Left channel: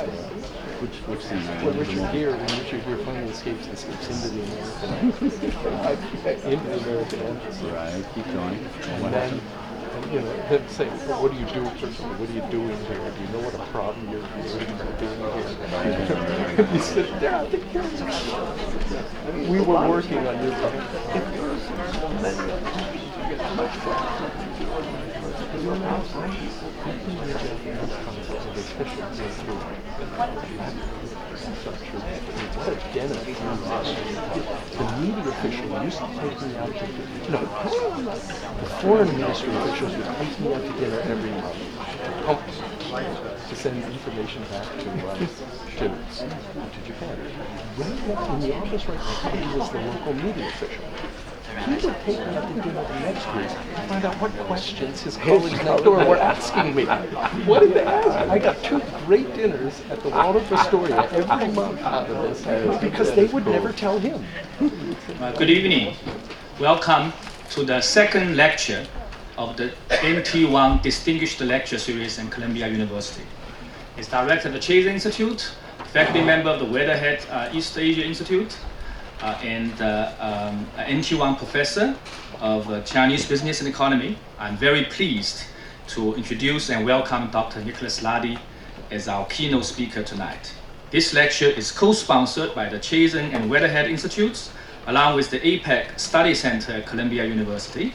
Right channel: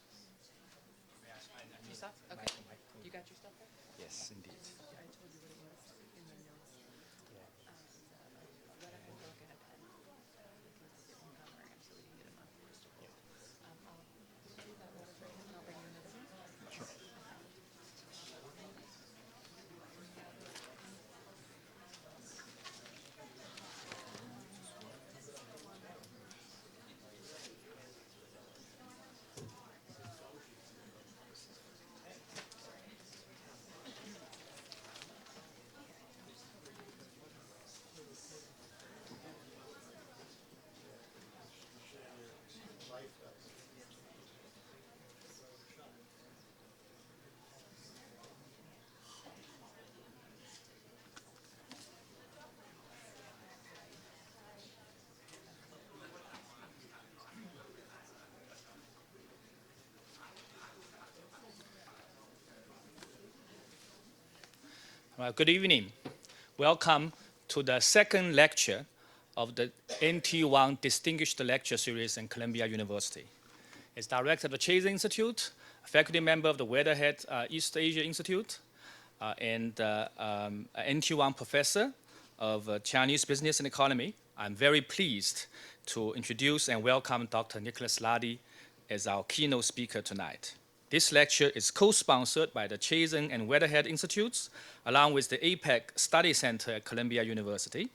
Which scene? When Richard Gere finally escapes into the American embassy. Right, keep going. And then, then say, well, what do you do? What are you doing here? Do you know what a problem you're doing here? He said, they're out the kids. We were working on your the media official used to take me out to dinner. The foreign ministry officials would take me out to dinner every month to send information back to Japan. In the office right now, he was the local media official. He would take me out to dinner the next week to find out what questions his colleagues next door were asking me. What did they ask? I got 2 great dinners at the Waldorf Astoria every month out of this because they would never tell him. Good evening. Welcome to the second lecture of the NT1 Distinguished Lecture Series in Columbia University. It's director of the Chazen Institute, faculty member of the Weatherhead East Asia Institute, and NT1 professor of Chinese business and economy. I'm very pleased to introduce and welcome Dr. Nicholas Lardy as our keynote speaker tonight. This lecture is co-sponsored by the Chazen and Weatherhead Institutes, along with the APEC Study Center at Columbia University.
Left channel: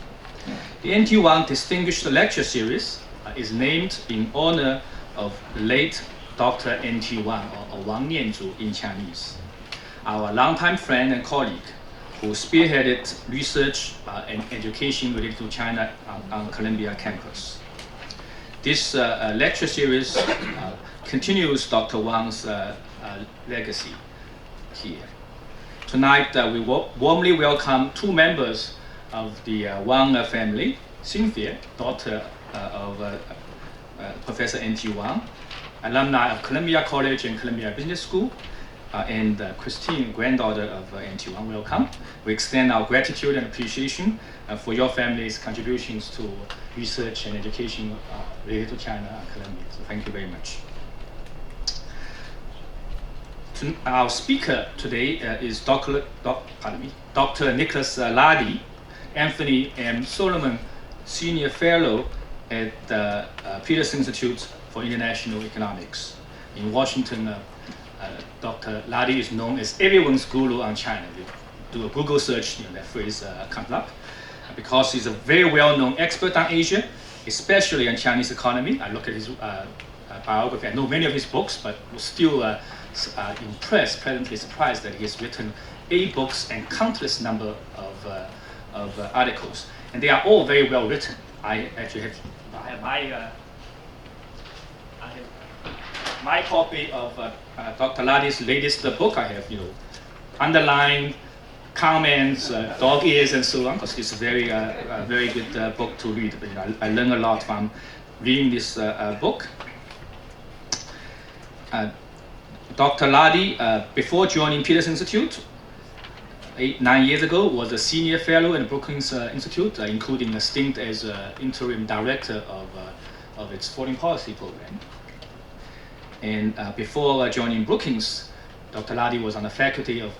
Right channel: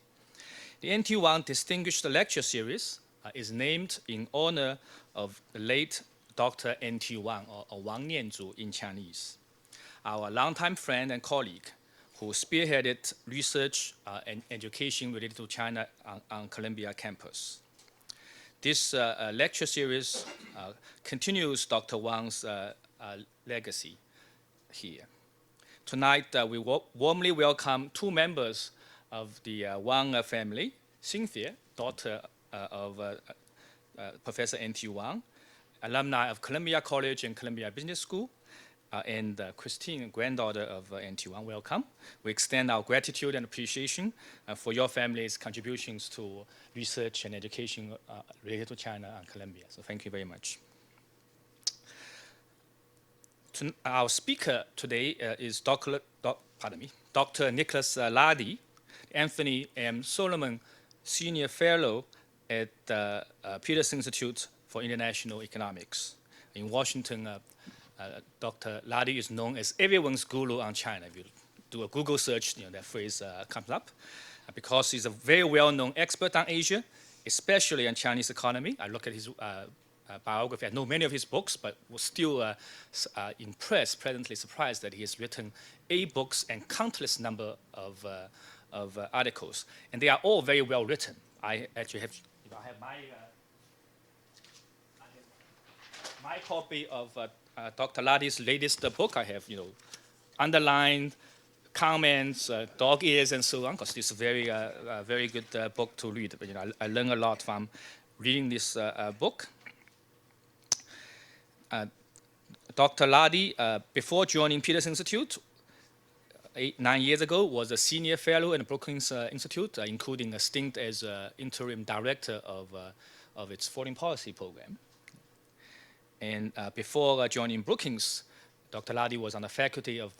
The NT1 Distinguished Lecture Series is named in honor of the late Dr. NT Wang, or Wang Nianzhu in Chinese, our longtime friend and colleague who spearheaded research and education related to China on Columbia campus. This lecture series continues Dr. Wang's legacy here. Tonight, we warmly welcome 2 members of the Wang family, Cynthia, daughter of Professor N.T. Wang, alumni of Columbia College and Columbia Business School, and Christine, granddaughter of N.T. Wang. Welcome. We extend our gratitude and appreciation for your family's contributions to research and education related to China and Columbia. So thank you very much. Our speaker today is Dr. Nicholas Lardy, Anthony M. Solomon Senior Fellow at the Peterson Institute for International Economics in Washington. Dr. Lardy is known as everyone's guru on China. If you do a Google search, that phrase comes up, because he's a very well-known expert on Asia, especially on Chinese economy. I look at his biography. I know many of his books, but was still impressed, pleasantly surprised that he has written 8 books and countless number of articles, and they are all very well written. I actually have my copy of Dr. Lardy's latest book. I have underlined comments, dog ears, and so on, because it's a very very good book to read. I learned a lot from reading this book. Dr. Lardy, before joining Peterson Institute 8-9 years ago, was a senior fellow in the Brookings Institute, including a stint as interim director of its foreign policy program. And before joining Brookings, Dr. Lardy was on the faculty of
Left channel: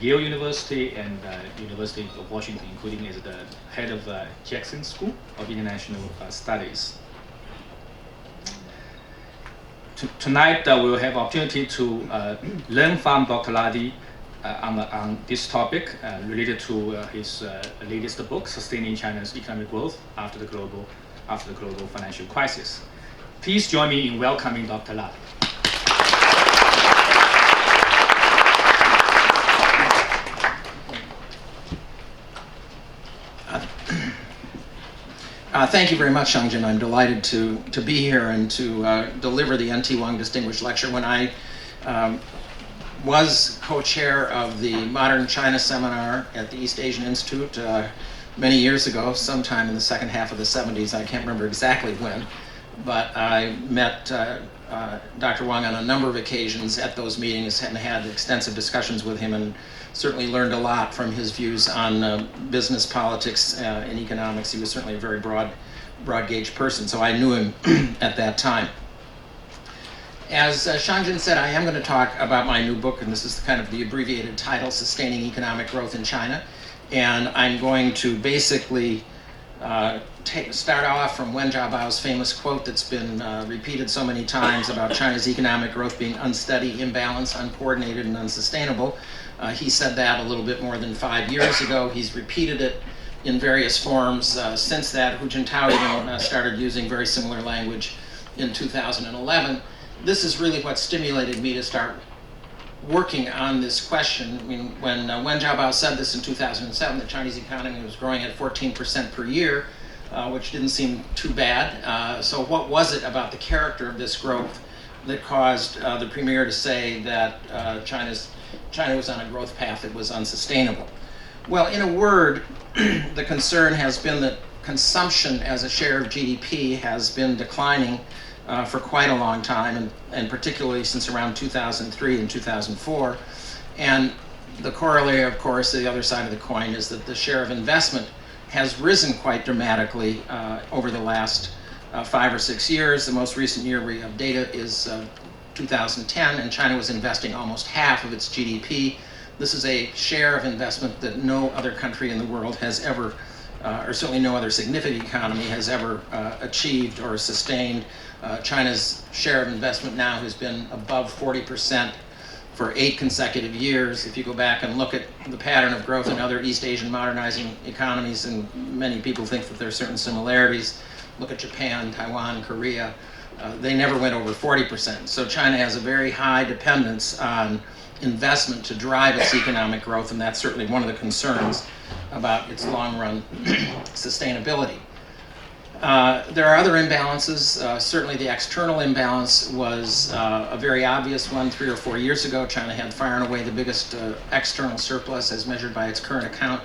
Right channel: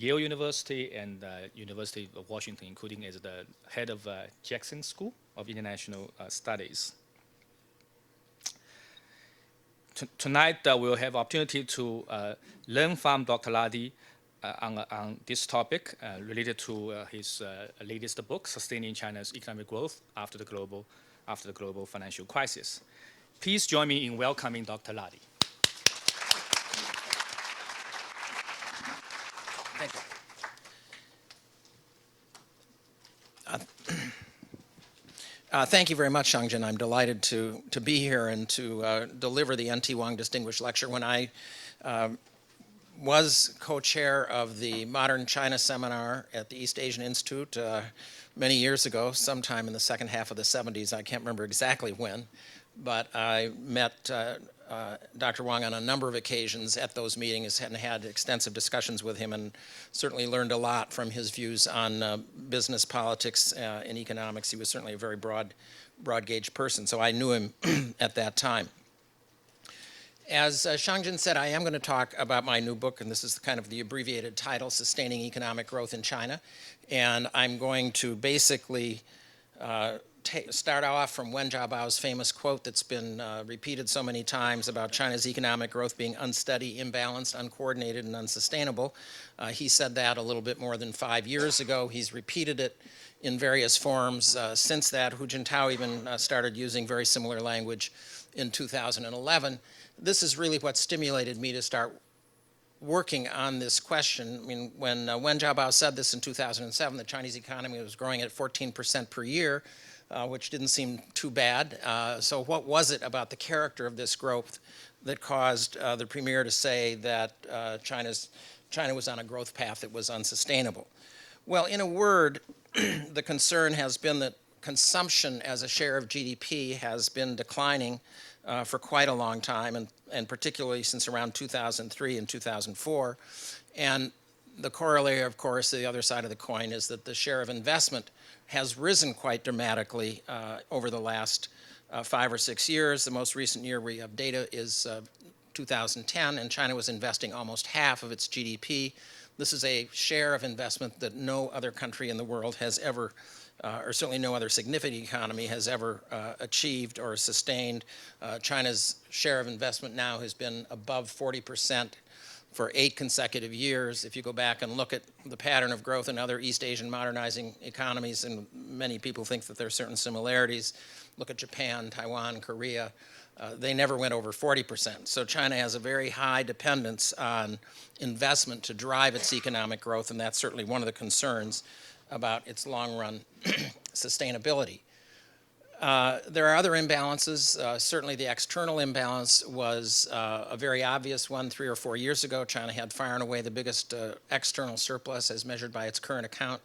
Yale University and University of Washington, including as the head of Chazen School of International Studies. Tonight, we'll have opportunity to learn from Dr. Lardy on this topic related to his latest book, Sustaining China's Economic Growth After the Global Financial Crisis. Please join me in welcoming Dr. Lardy. Thank you very much, Chazen. I'm delighted to be here and to deliver the NT Wang Distinguished Lecture. When I was co-chair of the Modern China Seminar at the East Asian Institute many years ago, sometime in the second half of the 70s, I can't remember exactly when, but I met Dr. Wang on a number of occasions at those meetings and had extensive discussions with him, and certainly learned a lot from his views on business, politics, and economics. He was certainly a very broad gauge person, so I knew him at that time. As Shangjin said, I am going to talk about my new book, and this is kind of the abbreviated title, Sustaining Economic Growth in China. And I'm going to basically start off from Wen Jiabao's famous quote that's been repeated so many times about China's economic growth being unsteady, imbalanced, uncoordinated, and unsustainable. He said that a little bit more than 5 years ago. He's repeated it in various forms since that. Hu Jintao even started using very similar language in 2011. This is really what stimulated me to start working on this question. I mean, when Wen Jiabao said this in 2007, the Chinese economy was growing at 14% per year, which didn't seem too bad. So what was it about the character of this growth that caused the premier to say that China was on a growth path that was unsustainable? Well, in a word, the concern has been that consumption as a share of GDP has been declining for quite a long time, and particularly since around 2003 and 2004. And the corollary, of course, the other side of the coin, is that the share of investment has risen quite dramatically over the last 5 or 6 years. The most recent year we have data is 2010, and China was investing almost half of its GDP. This is a share of investment that no other country in the world has ever, or certainly no other significant economy has ever achieved or sustained. China's share of investment now has been above 40% for 8 consecutive years. If you go back and look at the pattern of growth in other East Asian modernizing economies, and many people think that there are certain similarities, look at Japan, Taiwan, Korea, they never went over 40%. So China has a very high dependence on investment to drive its economic growth, and that's certainly one of the concerns about its long-run sustainability. There are other imbalances. Certainly the external imbalance was a very obvious one 3 or 4 years ago. China had far and away the biggest external surplus as measured by its current account,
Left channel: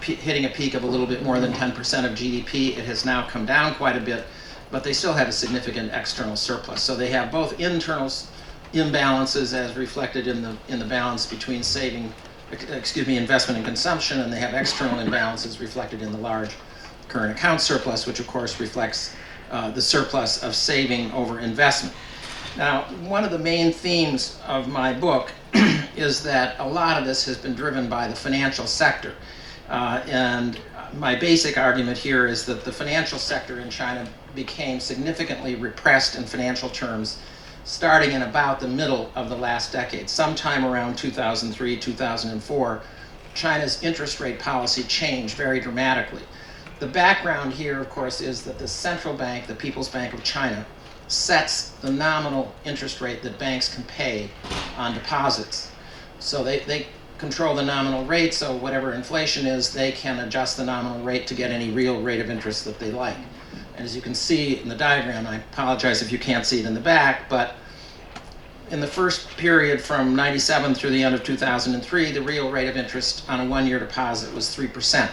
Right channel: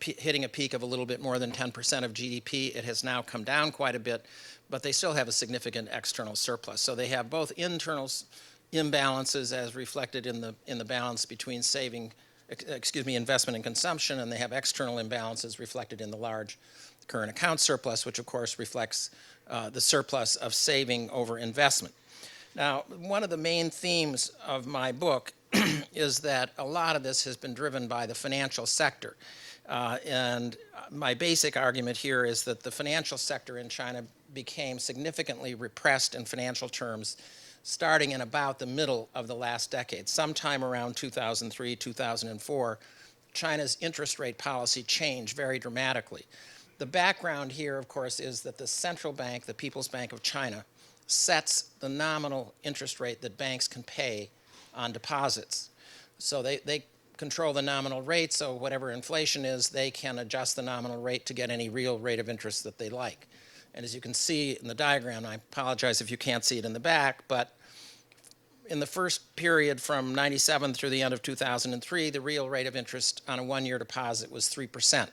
hitting a peak of a little bit more than 10% of GDP. It has now come down quite a bit, but they still have a significant external surplus. So they have both internal imbalances as reflected in the balance between investment and consumption, and they have external imbalances reflected in the large current account surplus, which of course reflects the surplus of saving over investment. Now, one of the main themes of my book is that a lot of this has been driven by the financial sector. And my basic argument here is that the financial sector in China became significantly repressed in financial terms starting in about the middle of the last decade. Sometime around 2003, 2004, China's interest rate policy changed very dramatically. The background here, of course, is that the central bank, the People's Bank of China, sets the nominal interest rate that banks can pay on deposits. So they control the nominal rate, so whatever inflation is, they can adjust the nominal rate to get any real rate of interest that they like. And as you can see in the diagram, I apologize if you can't see it in the back, but in the first period from 97 through the end of 2003, the real rate of interest on a one-year deposit was 3%.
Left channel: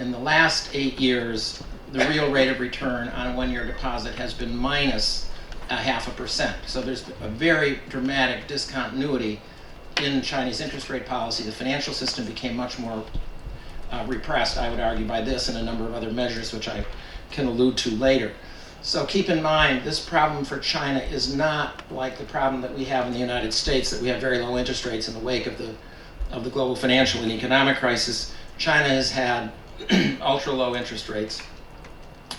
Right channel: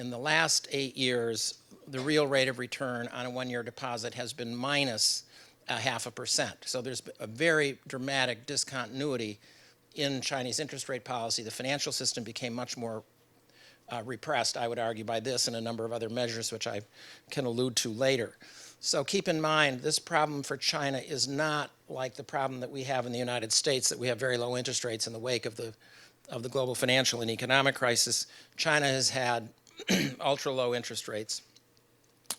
In the last 8 years, the real rate of return on a one-year deposit has been minus 0.5%. So there's a very dramatic discontinuity in Chinese interest rate policy. The financial system became much more repressed, I would argue, by this and a number of other measures which I can allude to later. So keep in mind, this problem for China is not like the problem that we have in the United States, that we have very low interest rates in the wake of the global financial and economic crisis. China has had ultra low interest rates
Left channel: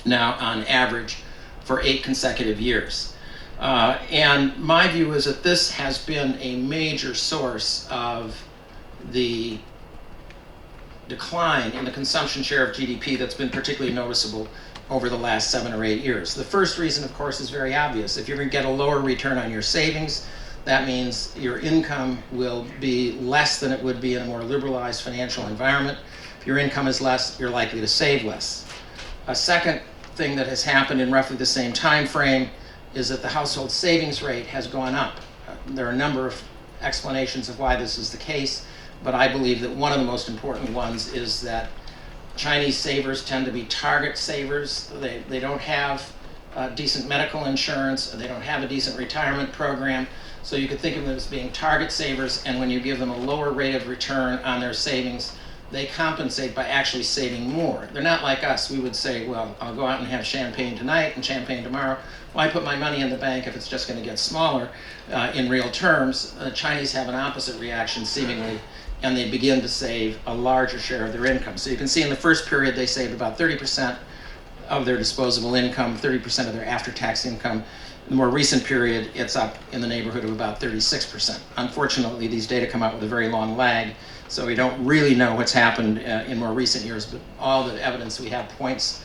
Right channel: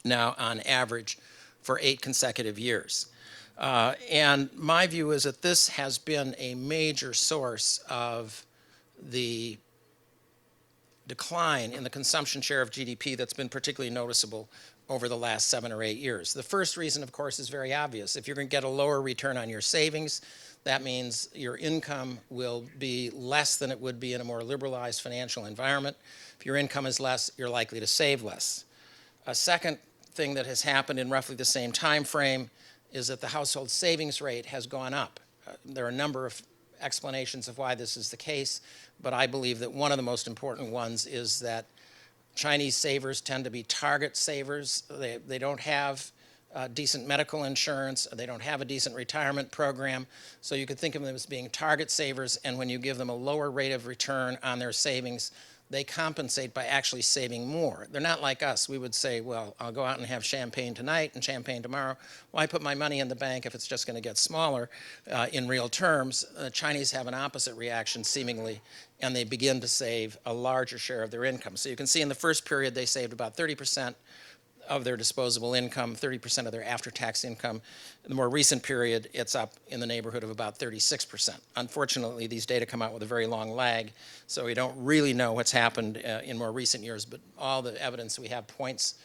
now on average for 8 consecutive years. And my view is that this has been a major source of the decline in the consumption share of GDP that's been particularly noticeable over the last 7 or 8 years. The first reason, of course, is very obvious. If you're going to get a lower return on your savings, that means your income will be less than it would be in a more liberalized financial environment. If your income is less, you're likely to save less. A second thing that has happened in roughly the same time frame is that the household savings rate has gone up. There are a number of explanations of why this is the case, but I believe that one of the most important ones is that Chinese savers tend to be target savers. They don't have decent medical insurance, they don't have a decent retirement program, so you could think of them as being target savers, and when you give them a lower rate of return on their savings, they compensate by actually saving more. They're not like us. We would say, well, I'll go out and have champagne tonight and champagne tomorrow. Why put my money in the bank if it's just going to get smaller in real terms? Chinese have an opposite reaction, seemingly, and they begin to save a larger share of their income. So you can see in the first period they saved about 30% of their disposable income, 30% of their after-tax income. In the more recent period, it's up in the neighborhood of about 36%. Unfortunately, these data come out with a very long lag, so we don't really know what's happened in more recent years, but all the evidence we have points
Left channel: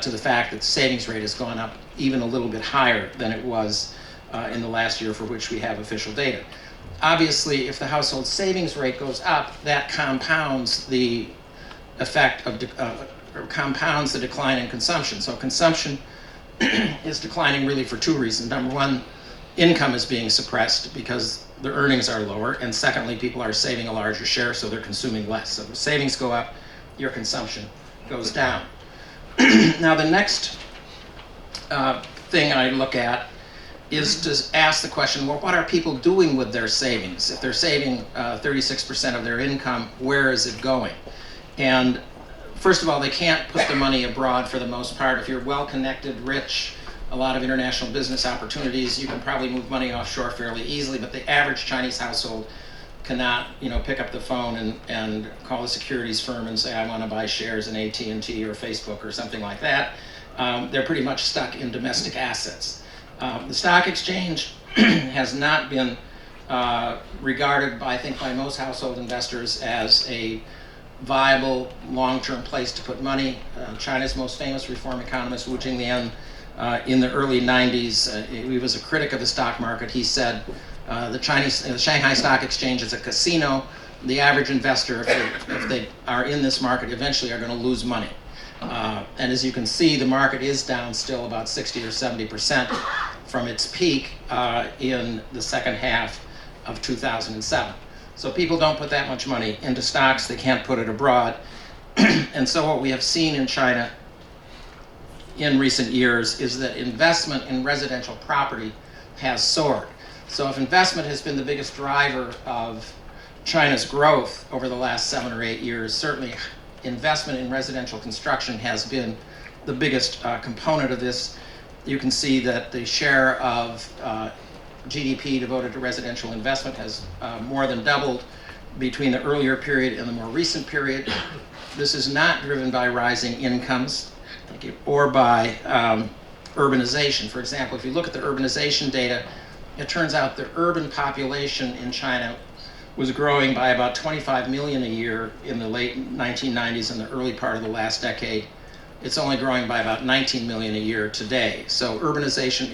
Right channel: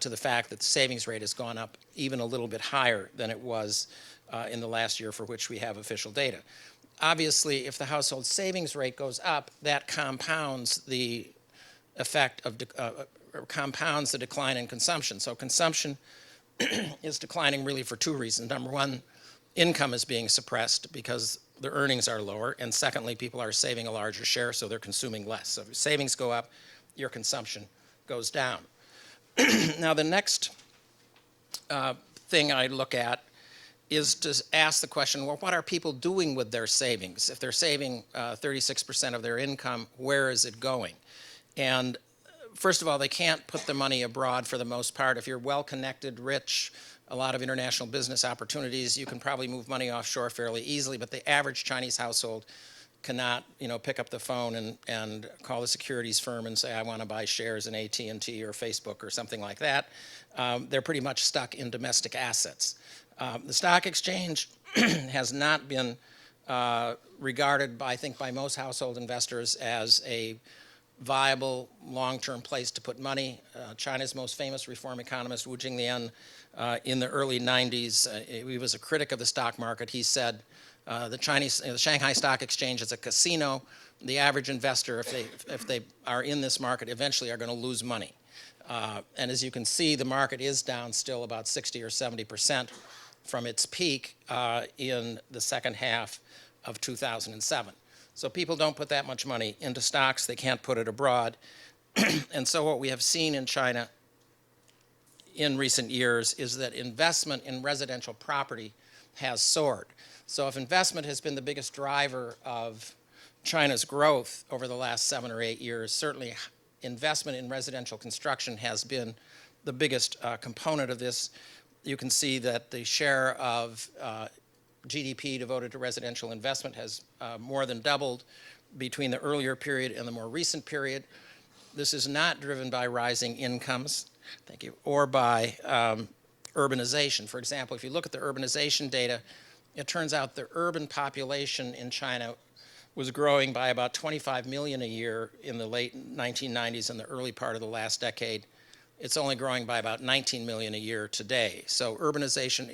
to the fact that the savings rate has gone up even a little bit higher than it was in the last year for which we have official data. Obviously, if the household savings rate goes up, that compounds the effect of compounds the decline in consumption. So consumption is declining really for two reasons. Number one, income is being suppressed because their earnings are lower, and secondly, people are saving a larger share, so they're consuming less. So if savings go up, your consumption goes down. Now the next thing I look at is to ask the question, well, what are people doing with their savings? If they're saving 36% of their income, where is it going? And first of all, they can't put the money abroad for the most part. If you're well-connected, rich, a lot of international business opportunities, you can probably move money offshore fairly easily, but the average Chinese household cannot, pick up the phone and call a securities firm and say, I want to buy shares in AT&T or Facebook or something like that. They're pretty much stuck in domestic assets. The stock exchange has not been regarded, I think, by most household investors as a viable long-term place to put money. China's most famous reform economist, Wu Jinglian, in the early 90s, he was a critic of the stock market. He said the Shanghai Stock Exchange is a casino. The average investor, if they are in this market, eventually are going to lose money. And as you can see, the market is down still about 60 or 70% from its peak in the second half of 2007. So people don't put that much money into stocks. They can't put it abroad. And so what we have seen in China in recent years is that investment in residential property has soared. So if investment has been the biggest driver of China's growth over the last 7 or 8 years, certainly investment in residential construction has been the biggest component of this. You can see that the share of GDP devoted to residential investment has more than doubled between the earlier period and the more recent period. This is not driven by rising incomes, or by urbanization. For example, if you look at the urbanization data, it turns out the urban population in China was growing by about 25 million a year in the late 1990s and the early part of the last decade. It's only growing by about 19 million a year today. So urbanization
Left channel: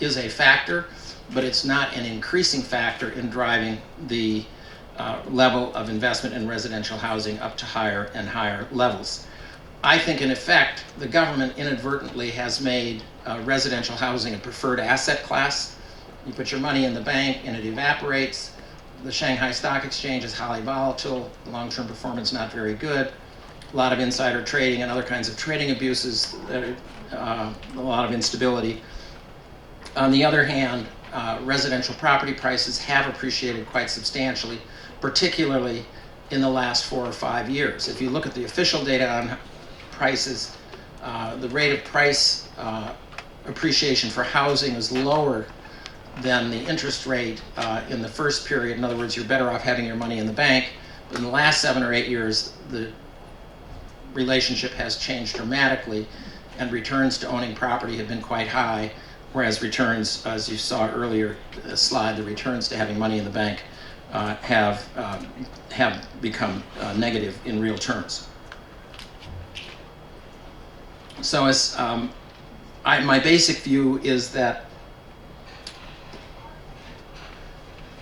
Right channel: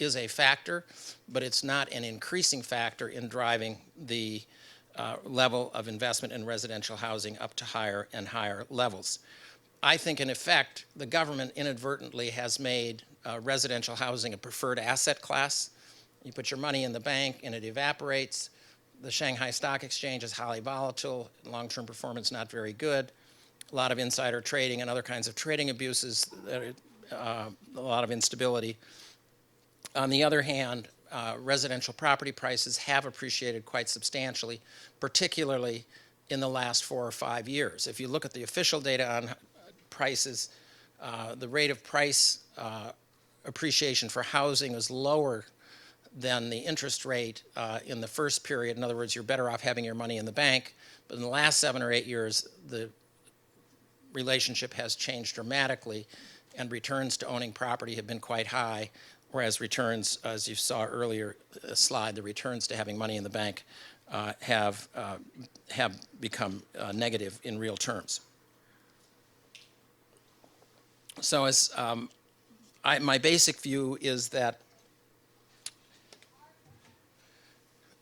is a factor, but it's not an increasing factor in driving the level of investment in residential housing up to higher and higher levels. I think, in effect, the government inadvertently has made residential housing a preferred asset class. You put your money in the bank and it evaporates. The Shanghai Stock Exchange is highly volatile. Long-term performance not very good. A lot of insider trading and other kinds of trading abuses, a lot of instability. On the other hand, residential property prices have appreciated quite substantially, particularly in the last 4 or 5 years. If you look at the official data on prices, the rate of price appreciation for housing is lower than the interest rate in the first period. In other words, you're better off having your money in the bank. But in the last 7 or 8 years, the relationship has changed dramatically, and returns to owning property have been quite high, whereas returns, as you saw earlier in the slide, the returns to having money in the bank have become negative in real terms. So as my basic view is that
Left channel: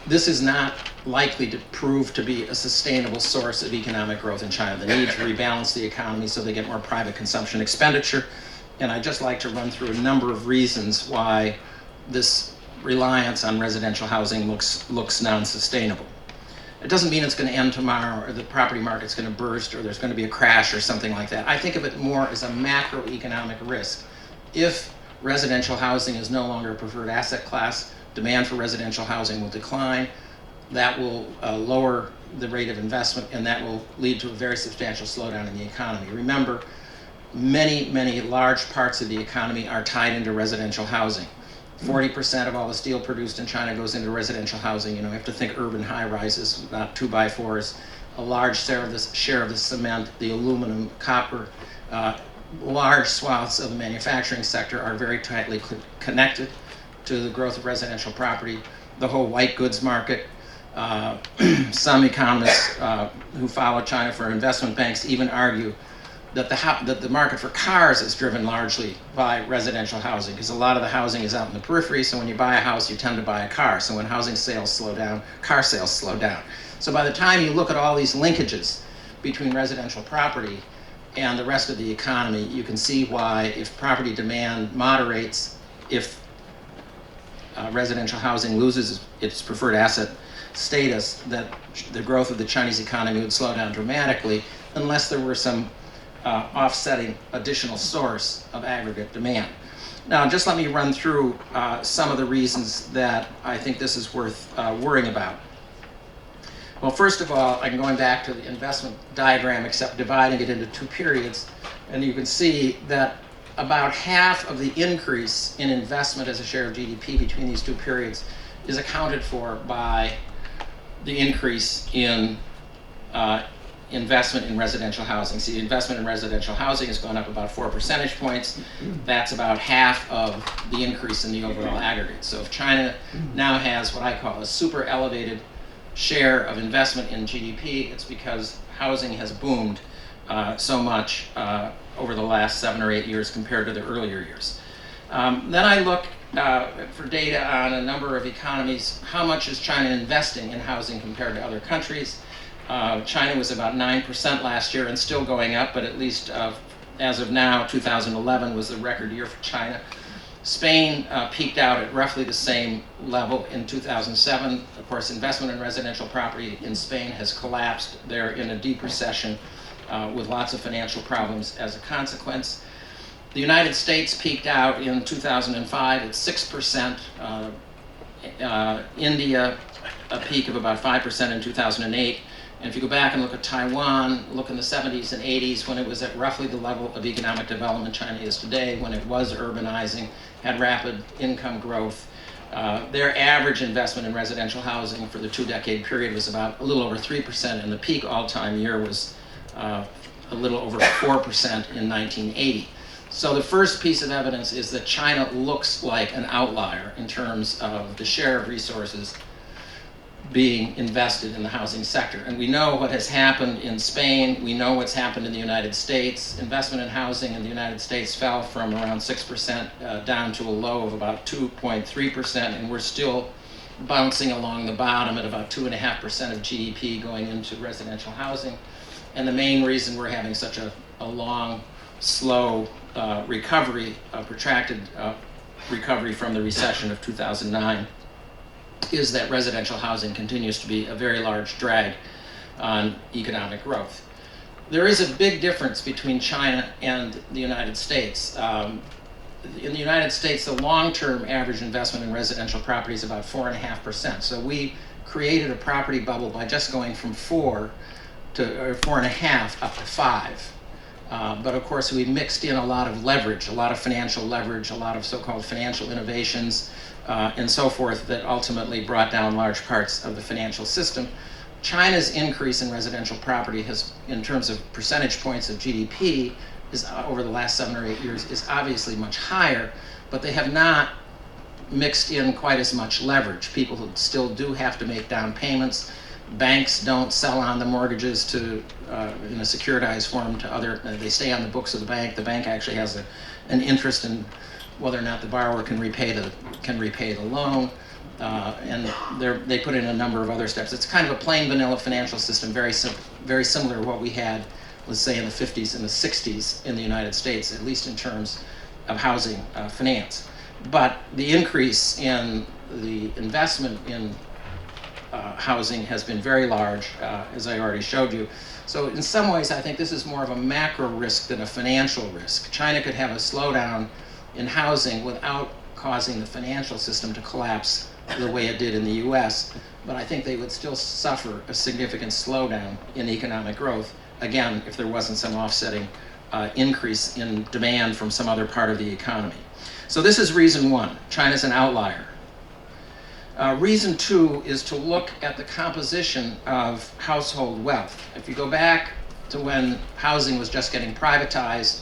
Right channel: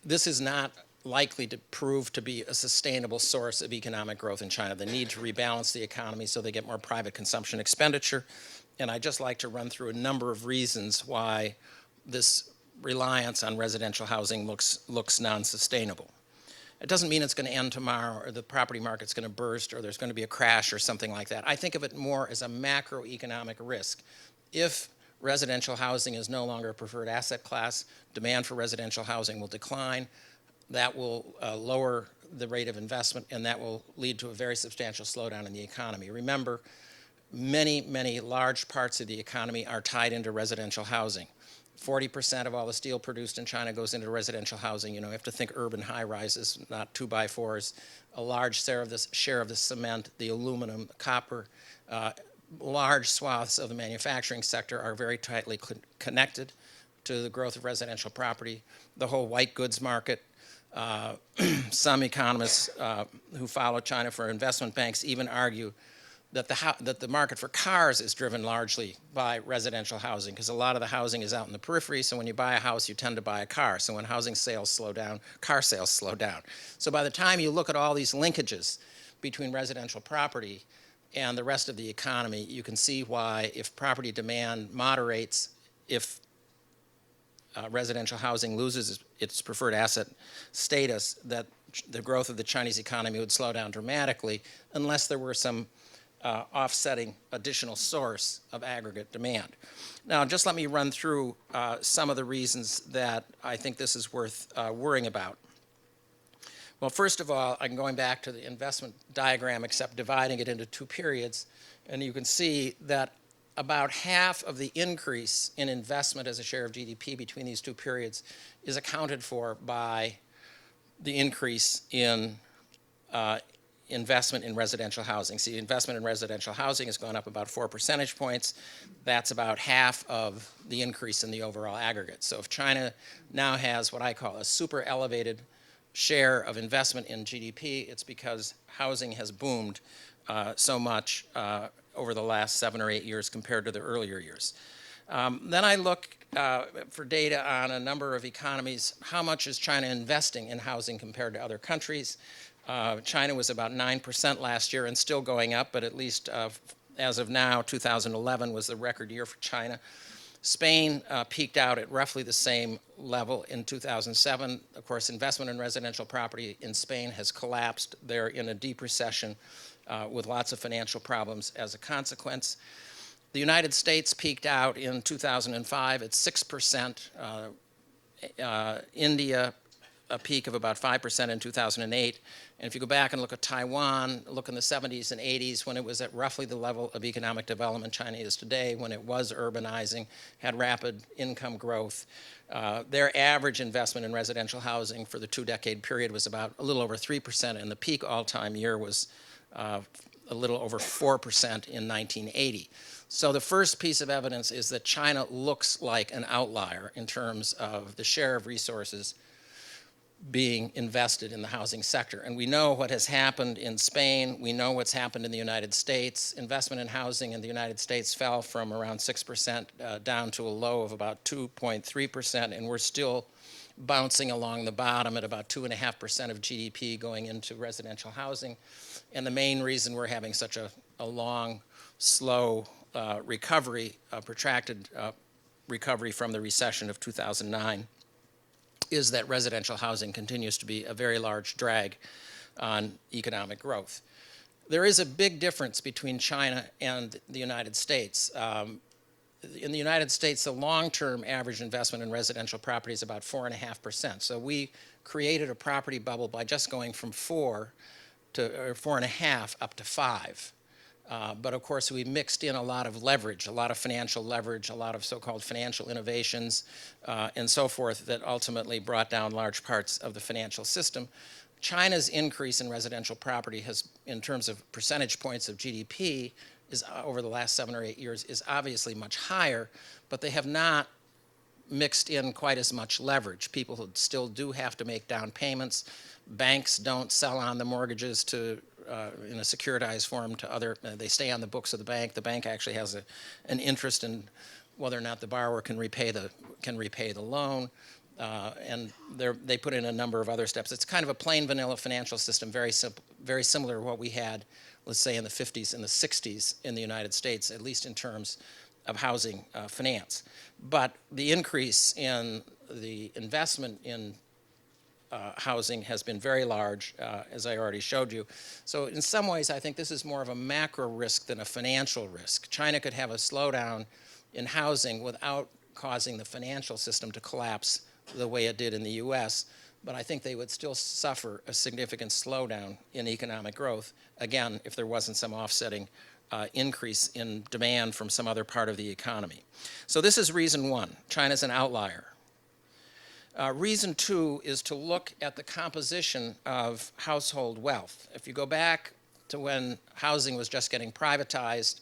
this is not likely to prove to be a sustainable source of economic growth in China. The need to rebalance the economy so they get more private consumption expenditure. And I'd just like to run through a number of reasons why this reliance on residential housing looks non-sustainable. It doesn't mean it's going to end tomorrow, or the property market's going to burst, or there's going to be a crash or something like that. I think of it more as a macroeconomic risk. If residential housing is no longer a preferred asset class, demand for residential housing will decline. that will lower the rate of investment, and that will lead to a very substantial slowdown in the economy. Remember, many large parts of the economy are tied into residential housing. 40% of all the steel produced in China goes into residential housing. You know, you have to think urban high-rises, not 2x4s. A large share of the cement, the aluminum, copper, large swaths of the manufacturing sector are very tightly connected to the growth of residential property. The whole white goods market. Some economists who follow China for investment banks even argue that the market for cars is driven largely by residential housing, because a lot of the housing is out in the periphery, so when you buy a house, you tend to buy a car. So when housing sales slow down, car sales slow down. So by the time you look at all these linkages between residential property and the rest of the economy, you can see why, if property demand moderates, if residential housing loses its preferred asset status, that the growth of the Chinese economy would slow down dramatically, unless there were some offsetting additional source of aggregate demand. Now, just let me run through some of the reasons that I think this is worth worrying about. Well, first of all, I'm going back to the investment diagram, except dividing it into two periods, and you can see that about half of the increase in investment as a share of GDP between these two periods is accounted for by the increase in investment in residential housing. See, investment in residential housing has gone up about 4 percentage points. That's about half of the increase in the overall aggregate. So if China now has what I call a super elevated share of investment in GDP, it's because housing has boomed so much over the last 7 or 8 years compared to the earlier years. Then I look for data on a number of economies. How much is China investing in housing compared to other countries? China was about 9% last year and still going up, but at least as of now, 2011 was the record year for China. Spain peaked out at roughly the same level in 2007. Of course, investment in residential property in Spain has collapsed. They're in a deep recession with lots of financial problems as a consequence. The United States peaked out in 2005 at 6%. India, a peak of about 5% in 2008. And if you go back and look at Taiwan, look in the 70s and 80s, when it was at roughly the level of economic development China is today, when it was urbanizing, had rapid income growth, their average investment in residential housing for the 2-decade period was about a little over 3%, and the peak all-time year was a little over 4% in 1980. So the first piece of evidence is that China looks like an outlier in terms of the share of resources being invested in the housing sector. And we know what has happened in Spain. We know what's happened in the United States. Investment in housing in the United States fell from around 6% down to a low of about 2.3%, and we're still bouncing along the bottom at about 2.5% of GDP going into residential housing. And the main reason we're having such a long, slow recovery, protracted recovery from the recession of 2009, is that residential housing continues to be a very large drag on economic growth. There is a big difference between China and the United States. In the United States, the long-term average investment in residential property is about 4.5%. So we created a property bubble by just going from 4 to 4.5 up to 5. But of course, we mixed in a lot of leverage, a lot of financial leverage, a lot of so-called financial innovations, and so forth, that ultimately brought down large parts of the financial system. China's increase in residential property has, in terms of percentage points of GDP, is over the last 7 or 8 years, is obviously much higher, but they have not mixed in quite as much leverage. People still do have to make down payments. Banks don't sell on the mortgages to in a securitized form to other. They stay on the books of the bank. The bank actually has an interest in whether or not the borrower can repay the loan, and they put in a number of other steps. It's kind of a plain vanilla financial system, very similar to what we had, let's say, in the 50s and the 60s in the United States, at least in terms of housing finance. But the increase in the investment in housing has been very large, as I already showed you. So in some ways, I think this is more of a macro risk than a financial risk. China could have a slowdown in housing without causing the financial system to collapse the way it did in the US, but I think they would still suffer a significant slowdown in economic growth, again, if there wasn't some offsetting increase in demand from some other part of the economy. So this is reason one. China's an outlier. Reason two is to look at the composition of household wealth. If you go back to when housing was just getting privatized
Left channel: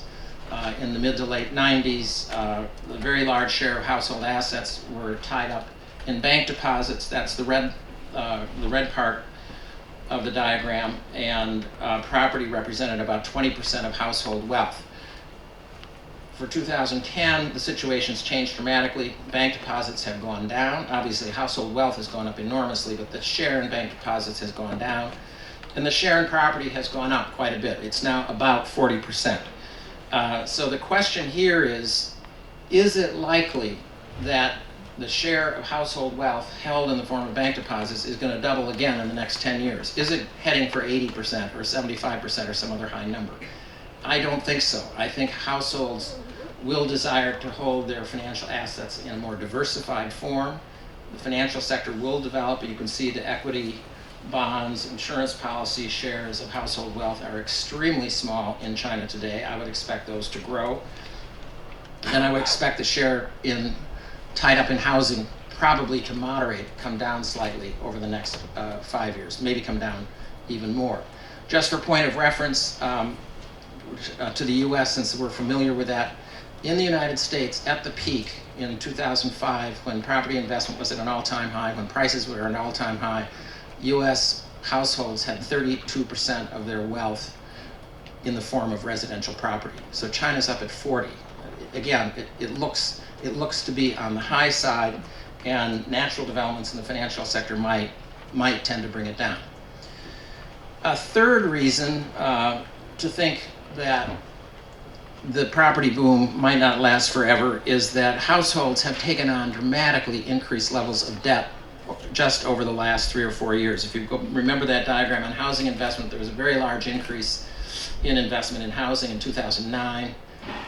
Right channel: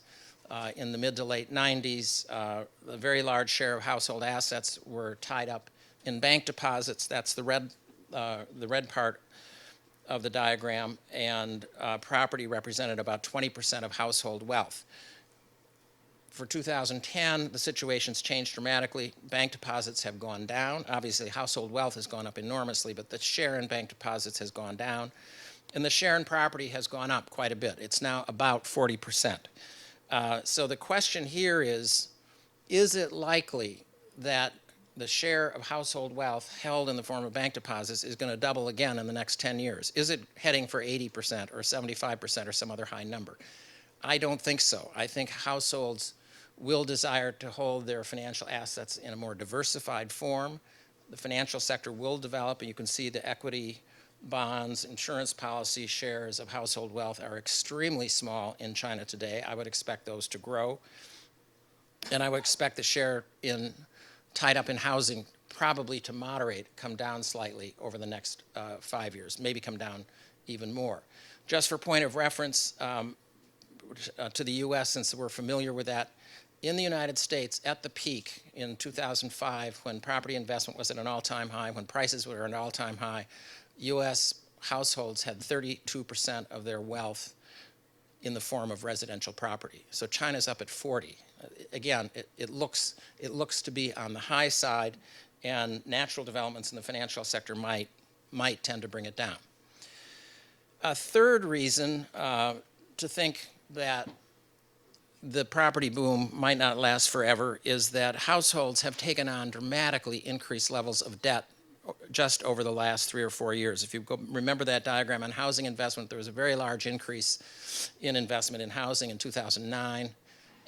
in the mid to late 90s, a very large share of household assets were tied up in bank deposits. That's the red part of the diagram, and property represented about 20% of household wealth. For 2010, the situation's changed dramatically. Bank deposits have gone down. Obviously, household wealth has gone up enormously, but the share in bank deposits has gone down. And the share in property has gone up quite a bit. It's now about 40%. So the question here is it likely that the share of household wealth held in the form of bank deposits is going to double again in the next 10 years? Is it heading for 80% or 75% or some other high number? I don't think so. I think households will desire to hold their financial assets in a more diversified form. The financial sector will develop. You can see the equity, bonds, insurance policy shares of household wealth are extremely small in China today. I would expect those to grow. And I would expect the share tied up in housing probably to moderate, come down slightly over the next 5 years, maybe come down even more. Just for point of reference, to the US, since we're familiar with that, in the United States, at the peak in 2005, when property investment was at an all-time high, when prices were at an all-time high, US households had 32% of their wealth in the form of residential property. So China's up at 40. Again, it looks to be on the high side, and natural developments in the financial sector might tend to bring it down. A third reason to think that the property boom might not last forever is that households have taken on dramatically increased levels of debt just over the last 3 or 4 years. If you remember that diagram on housing investment, there was a very large increase in investment in housing in 2009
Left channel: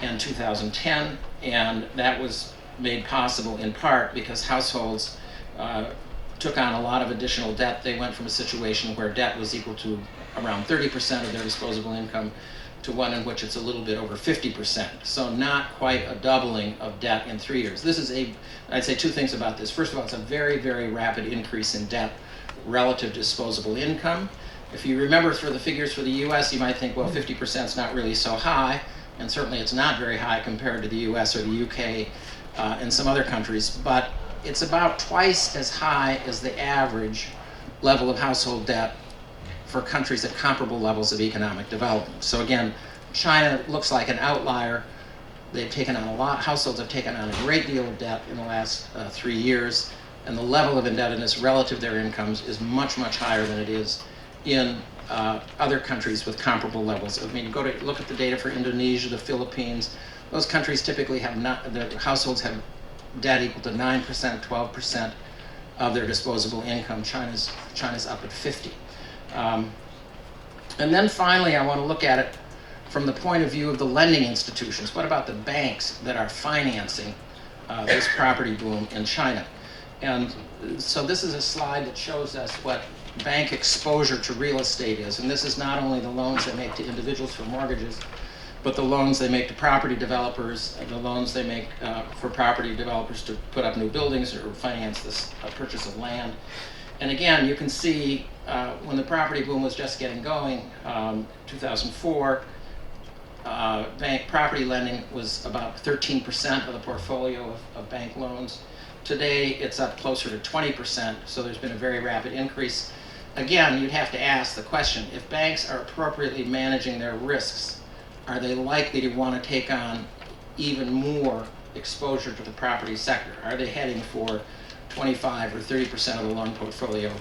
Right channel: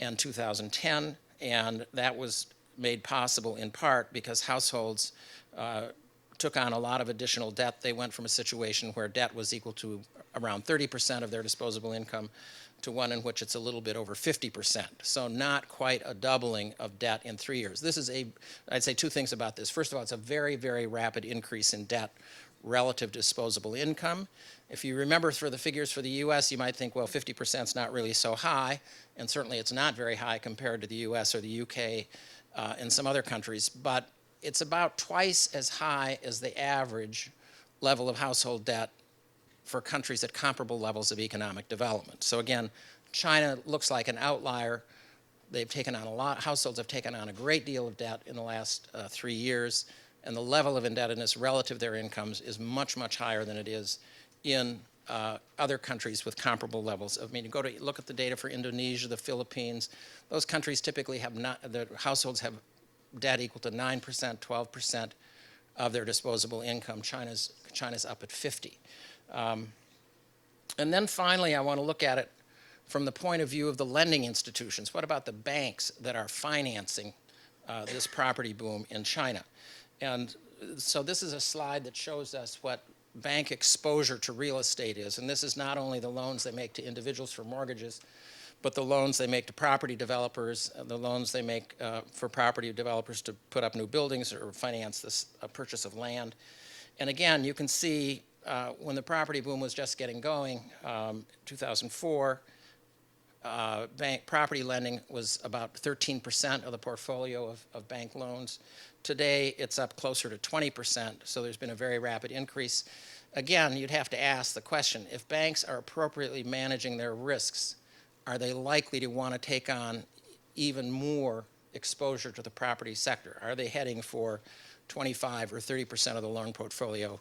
and 2010, and that was made possible in part because households took on a lot of additional debt. They went from a situation where debt was equal to around 30% of their disposable income to one in which it's a little bit over 50%. So not quite a doubling of debt in 3 years. I'd say two things about this. First of all, it's a very, very rapid increase in debt relative to disposable income. If you remember for the figures for the US, you might think, well, 50% is not really so high, and certainly it's not very high compared to the US or the UK and some other countries, but it's about twice as high as the average level of household debt for countries at comparable levels of economic development. So again, China looks like an outlier. They've taken on a lot, households have taken on a great deal of debt in the last 3 years, and the level of indebtedness relative to their incomes is much, much higher than it is in other countries with comparable levels. I mean, you look at the data for Indonesia, the Philippines, those countries typically their households have debt equal to 9%, 12% of their disposable income. China's up at 50. And then finally, I want to look at it from the point of view of the lending institutions. What about the banks that are financing this property boom in China? And so this is a slide that shows us what bank exposure to real estate is. And this is not only the loans they make to individuals for mortgages, but the loans they make to property developers, the loans they make for property developers to put up new buildings or finance the purchase of land. And again, you can see when the property boom was just getting going, 2004, bank property lending was about 13% of the portfolio of bank loans. Today, it's up closer to 20%, so there's been a very rapid increase. Again, you'd have to ask the question, if banks are appropriately managing their risks, are they likely to want to take on even more exposure to the property sector? Are they heading for 25 or 30% of the loan portfolio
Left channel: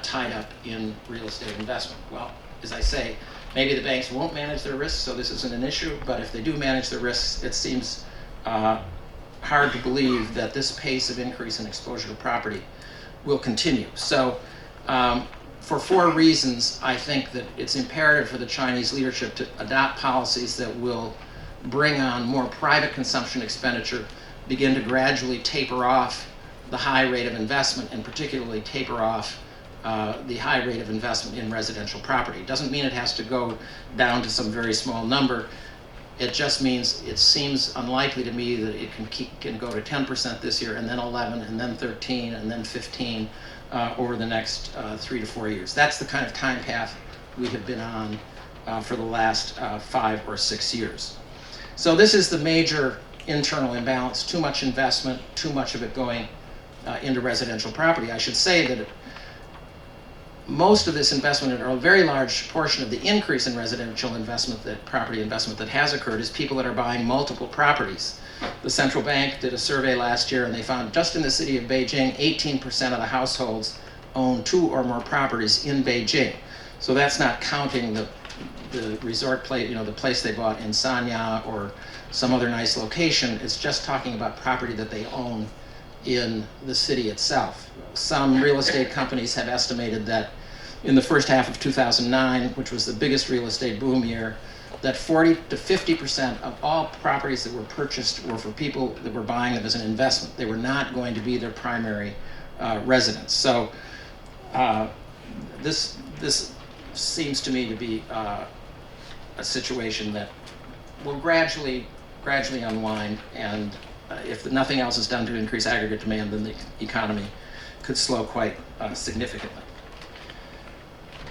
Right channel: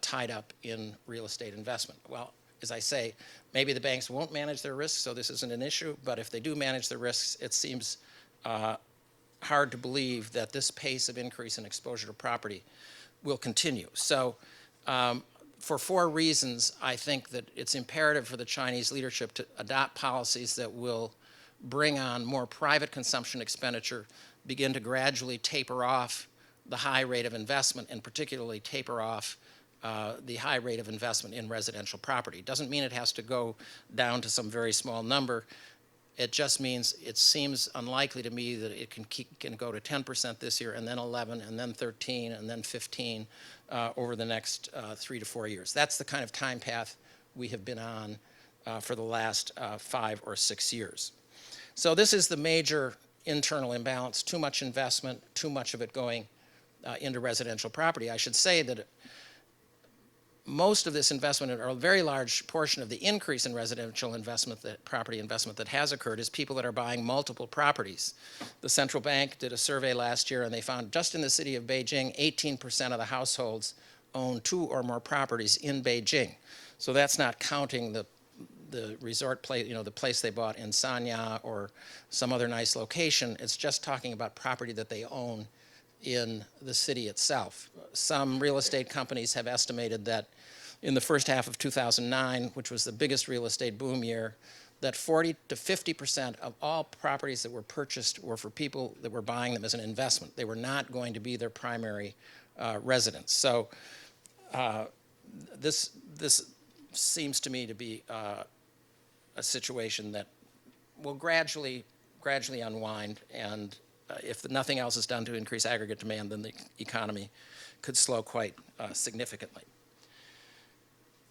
tied up in real estate investment? Well, as I say, maybe the banks won't manage their risks, so this isn't an issue, but if they do manage their risks, it seems hard to believe that this pace of increase in exposure to property will continue. So for 4 reasons, I think that it's imperative for the Chinese leadership to adopt policies that will bring on more private consumption expenditure, begin to gradually taper off the high rate of investment and particularly taper off the high rate of investment in residential property. It doesn't mean it has to go down to some very small number. It just means it seems unlikely to me that it can go to 10% this year, and then 11, and then 13, and then 15 over the next 3 to 4 years. That's the kind of time path we have been on for the last 5 or 6 years. So this is the major internal imbalance: too much investment, too much of it going into residential property. I should say that most of this investment, or a very large portion of the increase in residential investment, property investment that has occurred, is people that are buying multiple properties. The central bank did a survey last year, and they found just in the city of Beijing, 18% of the households own 2 or more properties in Beijing. So that's not counting the resort place, the place they bought in Sanya or some other nice location. It's just talking about property that they own in the city itself. Some real estate companies have estimated that in the first half of 2009, which was the biggest real estate boom year, that 40 to 50% of all properties that were purchased were for people that were buying them as an investment. They were not going to be their primary residence. So this seems to me to be a situation that will gradually unwind, and if nothing else is done to increase aggregate demand, then the economy could slow quite significantly.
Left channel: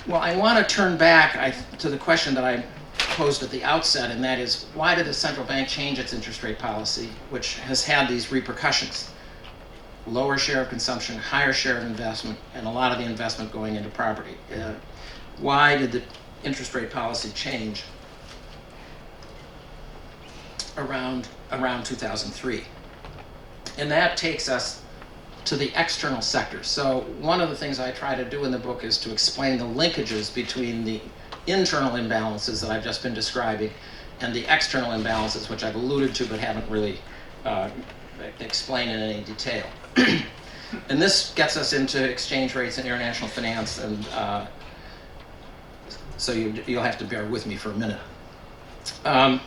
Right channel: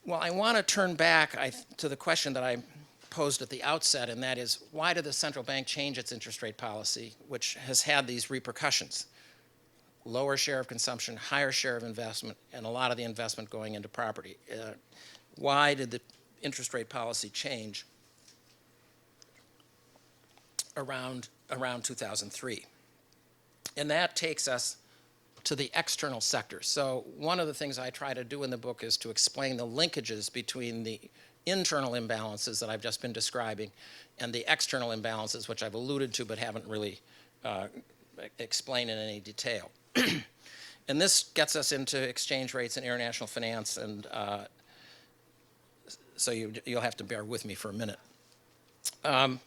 Well, I want to turn back to the question that I posed at the outset, and that is, why did the central bank change its interest rate policy, which has had these repercussions? Lower share of consumption, higher share of investment, and a lot of the investment going into property. Why did the interest rate policy change around 2003? And that takes us to the external sector. So one of the things I try to do in the book is to explain the linkages between the internal imbalances that I've just been describing and the external imbalances, which I've alluded to but haven't really explained in any detail. And this gets us into exchange rates and international finance, and so you'll have to bear with me for a minute.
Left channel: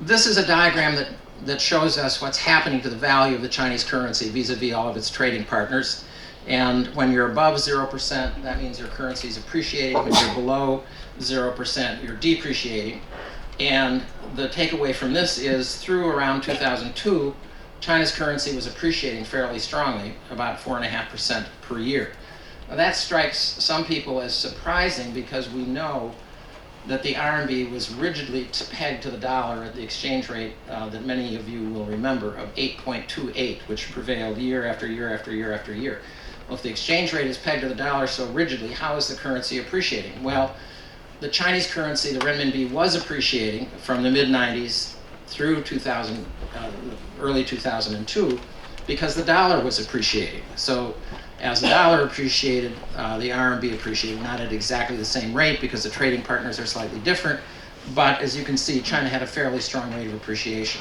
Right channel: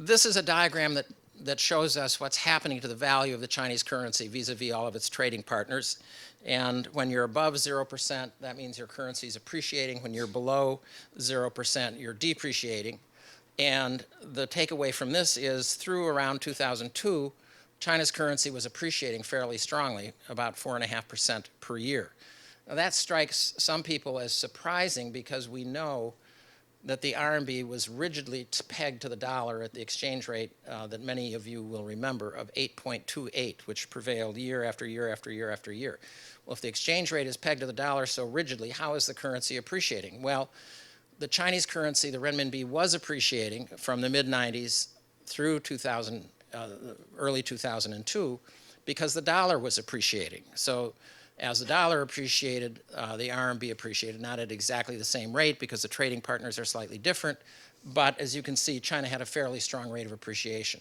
This is a diagram that shows us what's happening to the value of the Chinese currency vis-a-vis all of its trading partners. And when you're above 0%, that means your currency is appreciating. When you're below 0%, you're depreciating. And the takeaway from this is, through around 2002, China's currency was appreciating fairly strongly, about 4.5% per year. Now, that strikes some people as surprising, because we know that the RMB was rigidly pegged to the dollar at the exchange rate that many of you will remember of 8.28, which prevailed year after year after year after year. Well, if the exchange rate is pegged to the dollar so rigidly, how is the currency appreciating? Well, the Chinese currency, the renminbi, was appreciating from the mid-90s through early 2002 because the dollar was appreciating. So as the dollar appreciated, the RMB appreciated, not at exactly the same rate because the trading partners are slightly different, but as you can see, China had a fairly strong rate of appreciation.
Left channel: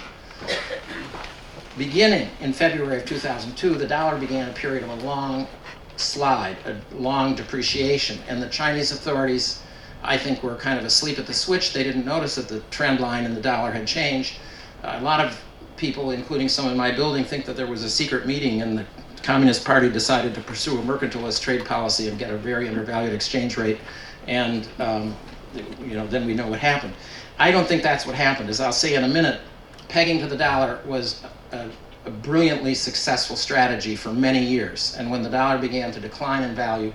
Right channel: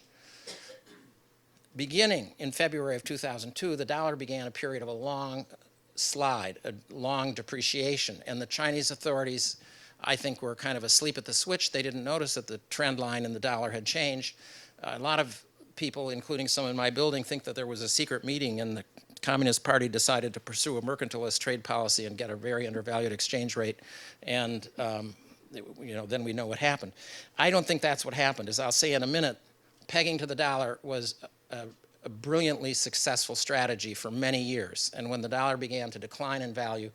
Beginning in February of 2002, the dollar began a period of a long slide, a long depreciation, and the Chinese authorities, I think, were kind of asleep at the switch. They didn't notice that the trend line in the dollar had changed. A lot of people, including some in my building, think that there was a secret meeting and the Communist Party decided to pursue a mercantilist trade policy and get a very undervalued exchange rate, and then we know what happened. I don't think that's what happened. As I'll say in a minute, pegging to the dollar was a brilliantly successful strategy for many years, and when the dollar began to decline in value,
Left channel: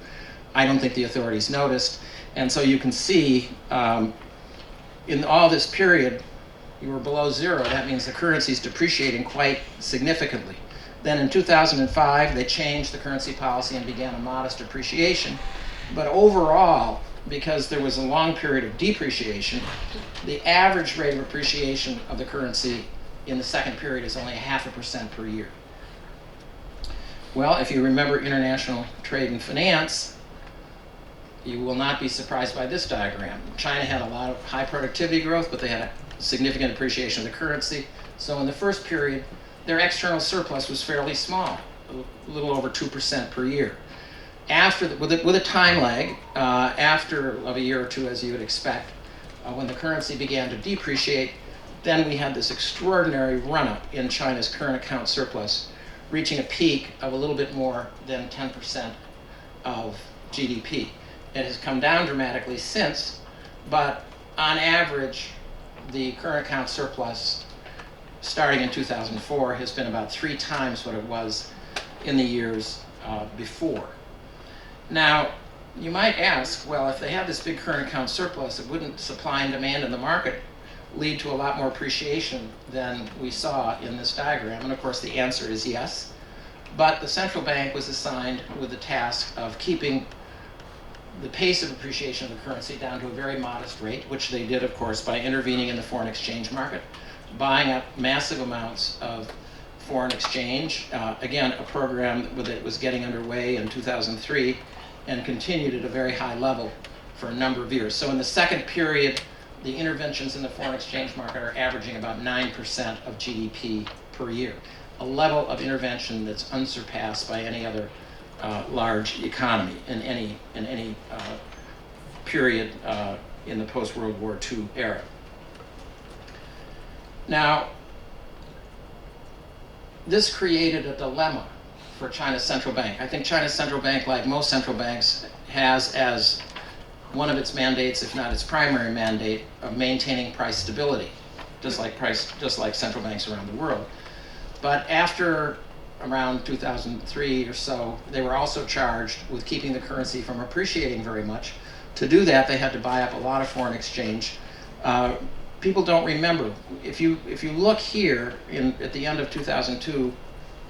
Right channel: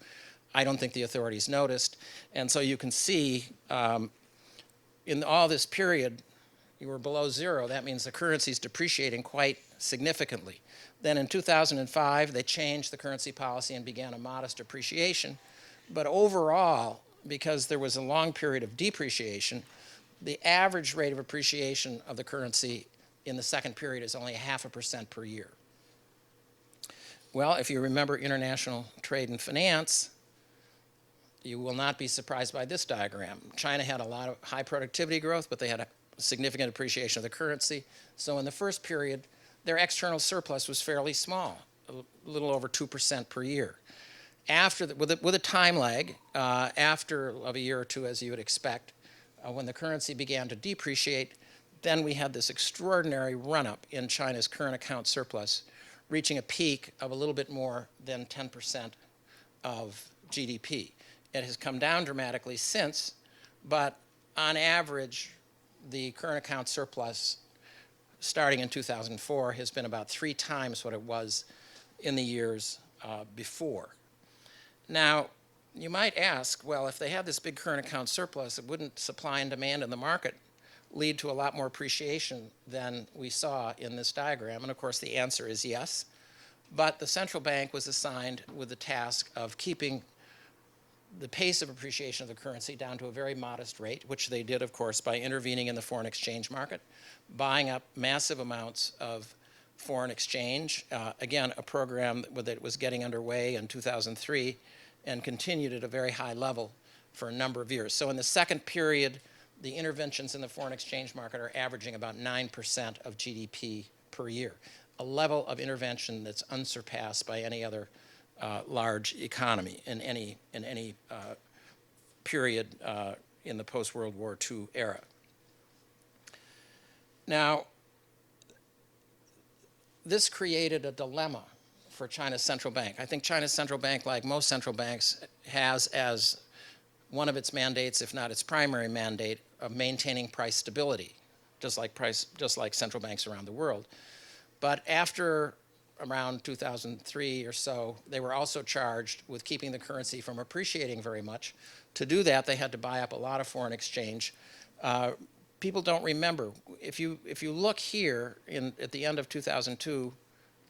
I don't think the authorities noticed. And so you can see in all this period, you were below zero. That means the currency is depreciating quite significantly. Then in 2005, they changed the currency policy and began a modest appreciation. But overall, because there was a long period of depreciation, the average rate of appreciation of the currency in the second period is only 0.5% per year. Well, if you remember international trade and finance, you will not be surprised by this diagram. China had a lot of high productivity growth, but they had a significant appreciation of the currency. So in the first period, their external surplus was fairly small, a little over 2% per year. With a time lag, after a year or two, as you would expect, when the currency began to depreciate, then we had this extraordinary run-up in China's current account surplus, reaching a peak of a little bit more than 10% of GDP. It has come down dramatically since, but on average, the current account surplus starting in 2004 has been about 3 times what it was in the years before. Now, you might ask, well, if they have this big current account surplus, it wouldn't supply and demand in the market lead to a lot more appreciation than we saw in this diagram? And of course, the answer is yes. But the central bank was assigned with the task of keeping the pace of appreciation of the currency down to a very modest rate, which they did, of course, by intervening in the foreign exchange market, buying up massive amounts of foreign exchange. Again, a program that was getting underway in 2003 and continued at a very high level for a number of years. So in the second period, the interventions in the foreign exchange market are averaging about 9% of GDP per year, a level of intervention that's unsurpassed by any other large economy in any period in the post-World War II era. Now, this created a dilemma for China's central bank. I think China's central bank, like most central banks, has as one of its mandates, if not its primary mandate, of maintaining price stability, just like central banks around the world. But after around 2003 or so, they were also charged with keeping the currency from appreciating very much. To do that, they had to buy up a lot of foreign exchange. People don't remember. If you look here at the end of 2002,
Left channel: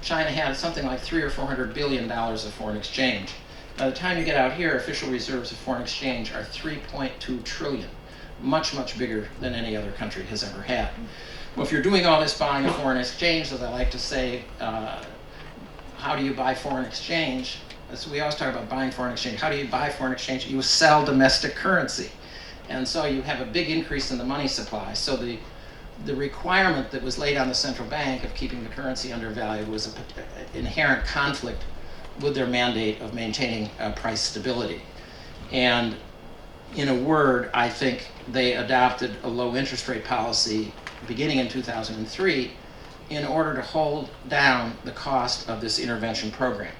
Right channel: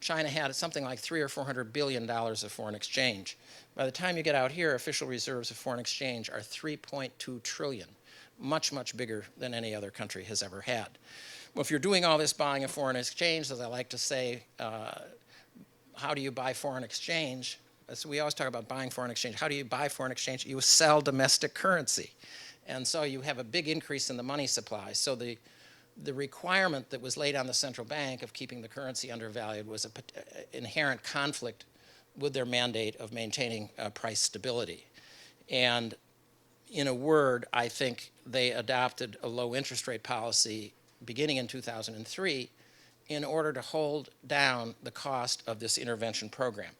China had something like $300 or $400 billion of foreign exchange. By the time you get out here, official reserves of foreign exchange are 3.2 trillion, much, much bigger than any other country has ever had. Well, if you're doing all this buying of foreign exchange, as I like to say, how do you buy foreign exchange? So we always talk about buying foreign exchange. How do you buy foreign exchange? You sell domestic currency. And so you have a big increase in the money supply. So the requirement that was laid on the central bank of keeping the currency undervalued was an inherent conflict with their mandate of maintaining price stability. And in a word, I think they adopted a low interest rate policy beginning in 2003 in order to hold down the cost of this intervention program.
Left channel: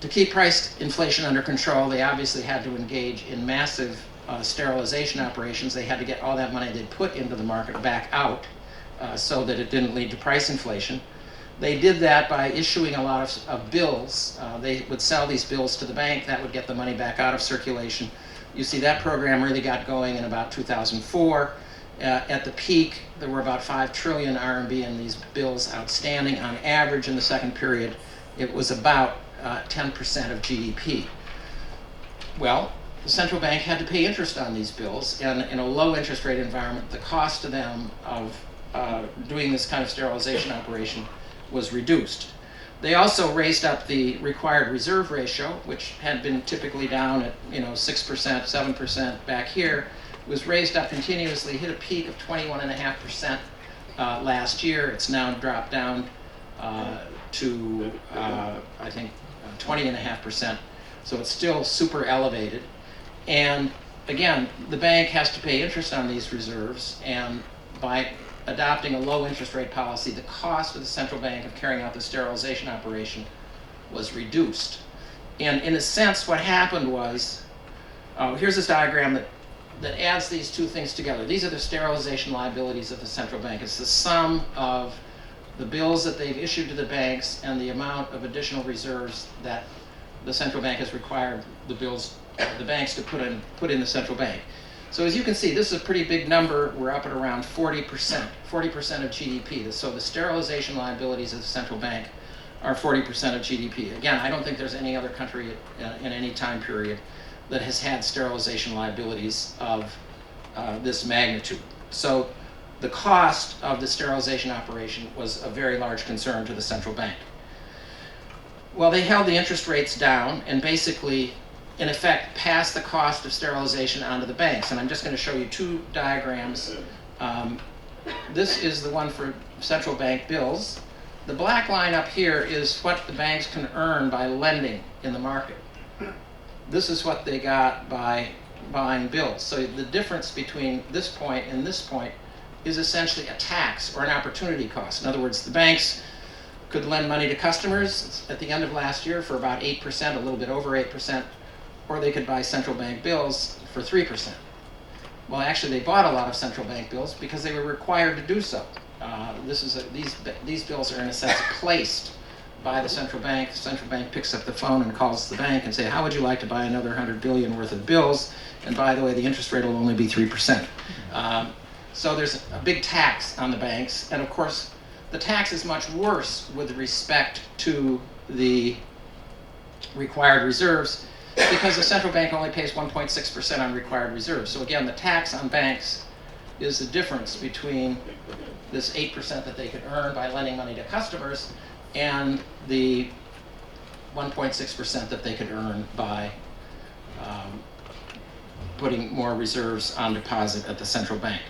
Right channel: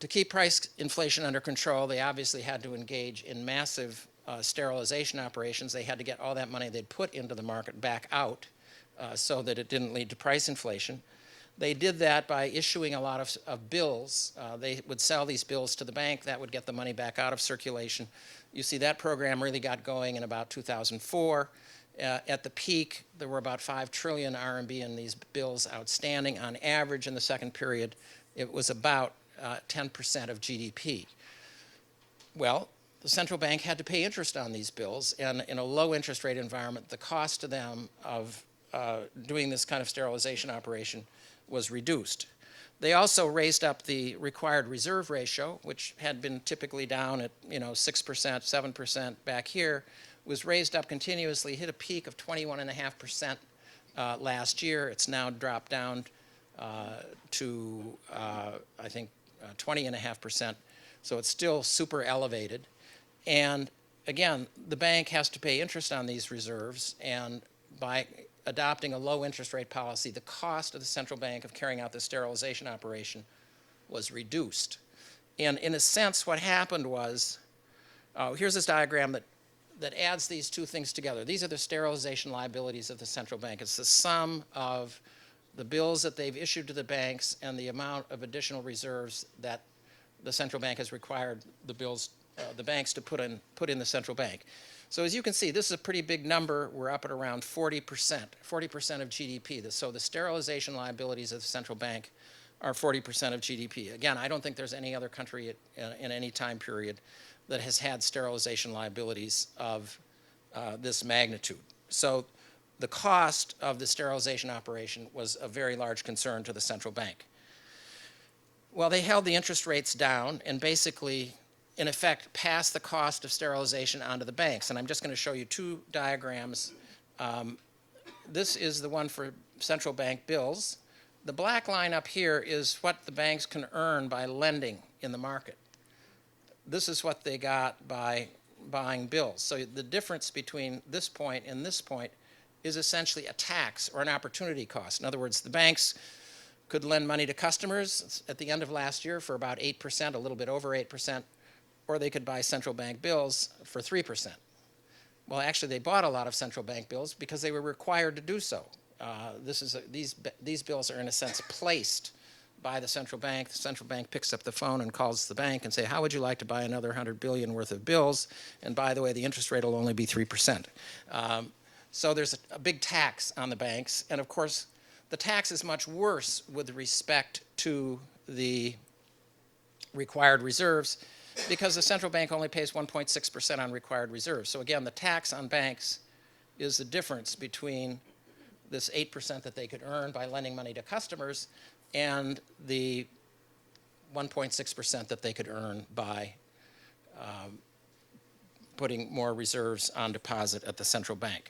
To keep price inflation under control, they obviously had to engage in massive sterilization operations. They had to get all that money they'd put into the market back out so that it didn't lead to price inflation. They did that by issuing a lot of bills. They would sell these bills to the bank. That would get the money back out of circulation. You see that program really got going in about 2004. At the peak, there were about 5 trillion RMB in these bills outstanding. On average, in the second period, it was about 10% of GDP. Well, the central bank had to pay interest on these bills, and in a low interest rate environment, the cost to them of doing this kind of sterilization operation was reduced. They also raised up the required reserve ratio, which had been typically down at 6%, 7% back here. It was raised up continuously, hit a peak of 21.5% last year. It's now dropped down to I think 20.5%. So it's still super elevated. And again, the bank has to pay interest on these reserves, and by adopting a low interest rate policy, the cost of the central bank of carrying out the sterilization operation was reduced. And in a sense, what happened was, here's this diagram that adds these two things together. These are the sterilization liabilities of the central bank. It's the sum of the bills that they've issued to the banks and the amount of additional reserves that the central bank has required the banks to put in the central bank. So as you can see, this is a pretty big number. We're up at around 40% of GDP. So the sterilization liabilities of the central bank are 40% of GDP. Again, I don't think there's any other country in any time period that has had sterilization liabilities of this magnitude. So the cost of the sterilization operation was a very large concern to the central bank. Well, they held the interest rates down and basically, in effect, passed the cost of sterilization onto the banks. And I'm just going to show you two diagrams. This is the one for central bank bills. The black line up here is what the banks can earn by lending in the market. This is what they got by buying bills. So the difference between this point and this point is essentially a tax or an opportunity cost. In other words, the banks could lend money to customers at the end of last year for about 8%, a little bit over 8%, or they could buy central bank bills for 3%. Well, actually, they bought a lot of central bank bills because they were required to do so. These bills are, in a sense, placed by the central bank. The central bank picks up the phone and calls the bank and say, how would you like to buy another 100 billion worth of bills? And by the way, the interest rate will only be 3%. So there's a big tax on the banks. And of course, the tax is much worse with respect to the required reserves because the central bank only pays 1.6% on required reserves. So again, the tax on banks is the difference between this 8% that they could earn by lending money to customers and the 1.6% that they could earn by putting more reserves on deposit at the central bank.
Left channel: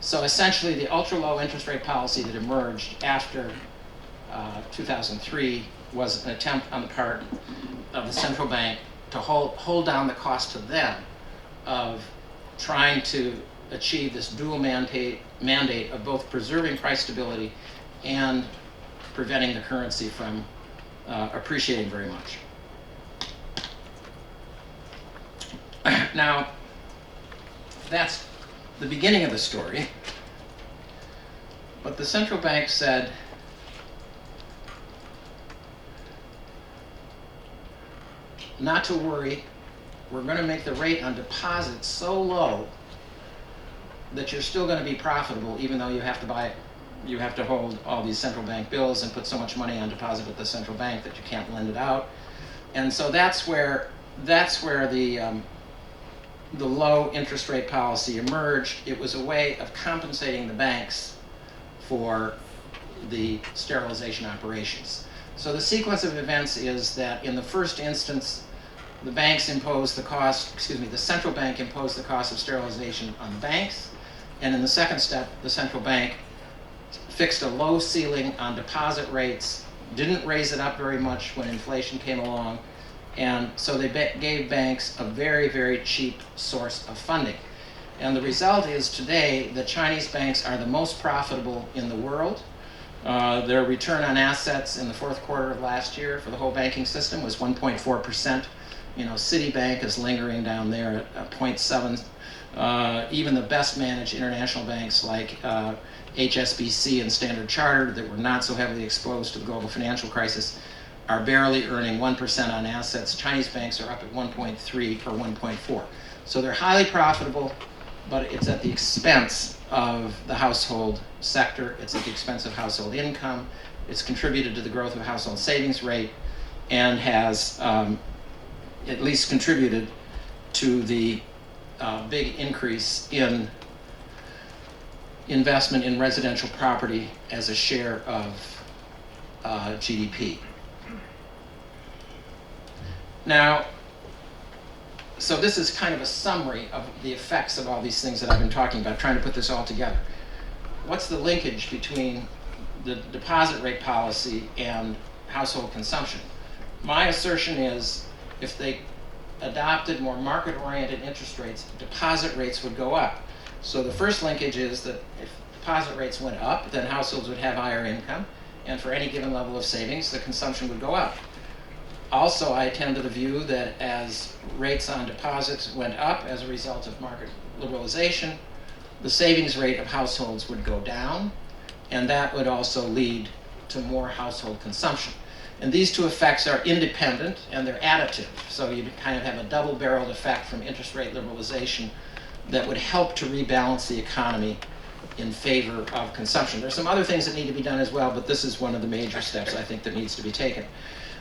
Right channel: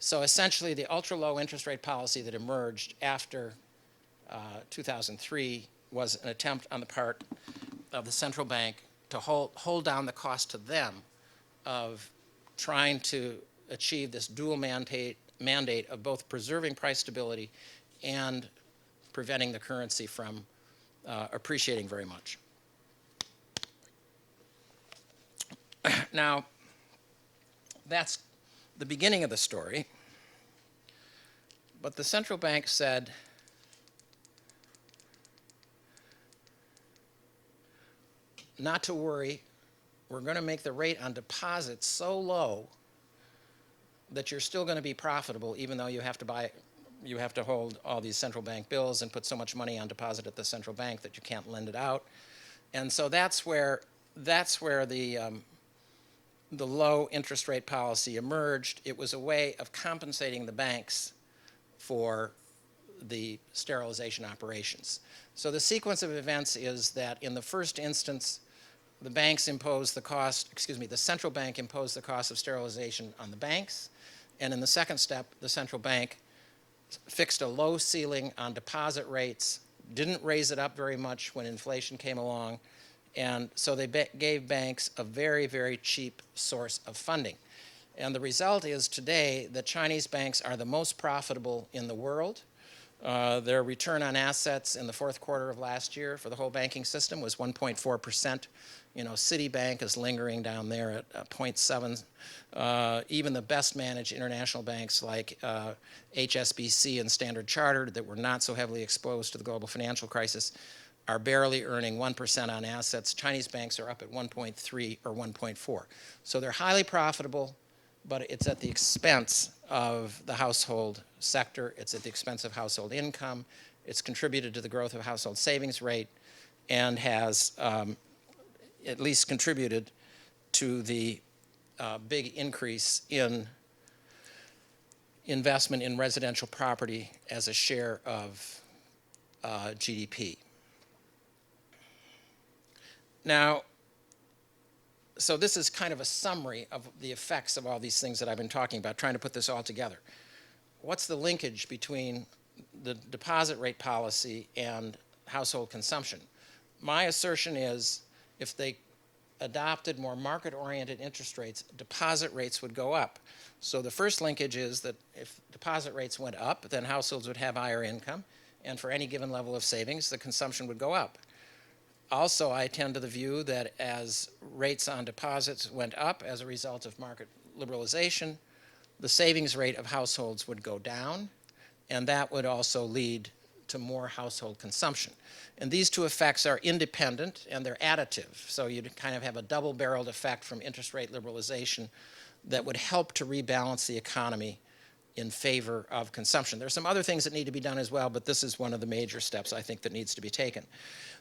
So essentially, the ultra-low interest rate policy that emerged after 2003 was an attempt on the part of the central bank to hold down the cost to them of trying to achieve this dual mandate of both preserving price stability and preventing the currency from appreciating very much. Now, that's the beginning of the story. But the central bank said, not to worry, we're going to make the rate on deposits so low that you're still going to be profitable even though you have to hold all these central bank bills and put so much money on deposit at the central bank that you can't lend it out. And so that's where the low interest rate policy emerged. It was a way of compensating the banks for the sterilization operations. So the sequence of events is that in the first instance, the central bank imposed the cost of sterilization on the banks, and in the second step, the central bank fixed a low ceiling on deposit rates, didn't raise it up very much when inflation came along, and so they gave banks a very, very cheap source of funding. And the result is today the Chinese banks are the most profitable in the world. Their return on assets in the fourth quarter of last year for the whole banking system was 1.4%. Citibank is lingering down there at 0.7. Even the best managed international banks like HSBC and Standard Chartered that were not so heavily exposed to the global financial crisis are barely earning 1% on assets. Chinese banks are up at 1.3 or 1.4. So they're highly profitable, but it's at the expense of the household sector. It's at the expense of household income. It's contributed to the growth of household savings rate and has at least contributed to the big increase in investment in residential property as a share of GDP. Now, so this is kind of a summary of the effects of all these things that I've been talking about, trying to put this all together. What's the linkage between the deposit rate policy and household consumption? My assertion is if they adopted more market-oriented interest rates, deposit rates would go up. So the first linkage is that if deposit rates went up, then households would have higher income, and for any given level of savings, the consumption would go up. Also, I tend to the view that as rates on deposits went up as a result of market liberalization, the savings rate of households would go down, and that would also lead to more household consumption. And these two effects are independent and they're additive. So you kind of have a double-barreled effect from interest rate liberalization that would help to rebalance the economy in favor of consumption. There's some other things that need to be done as well, but this is one of the major steps I think that needs to be taken.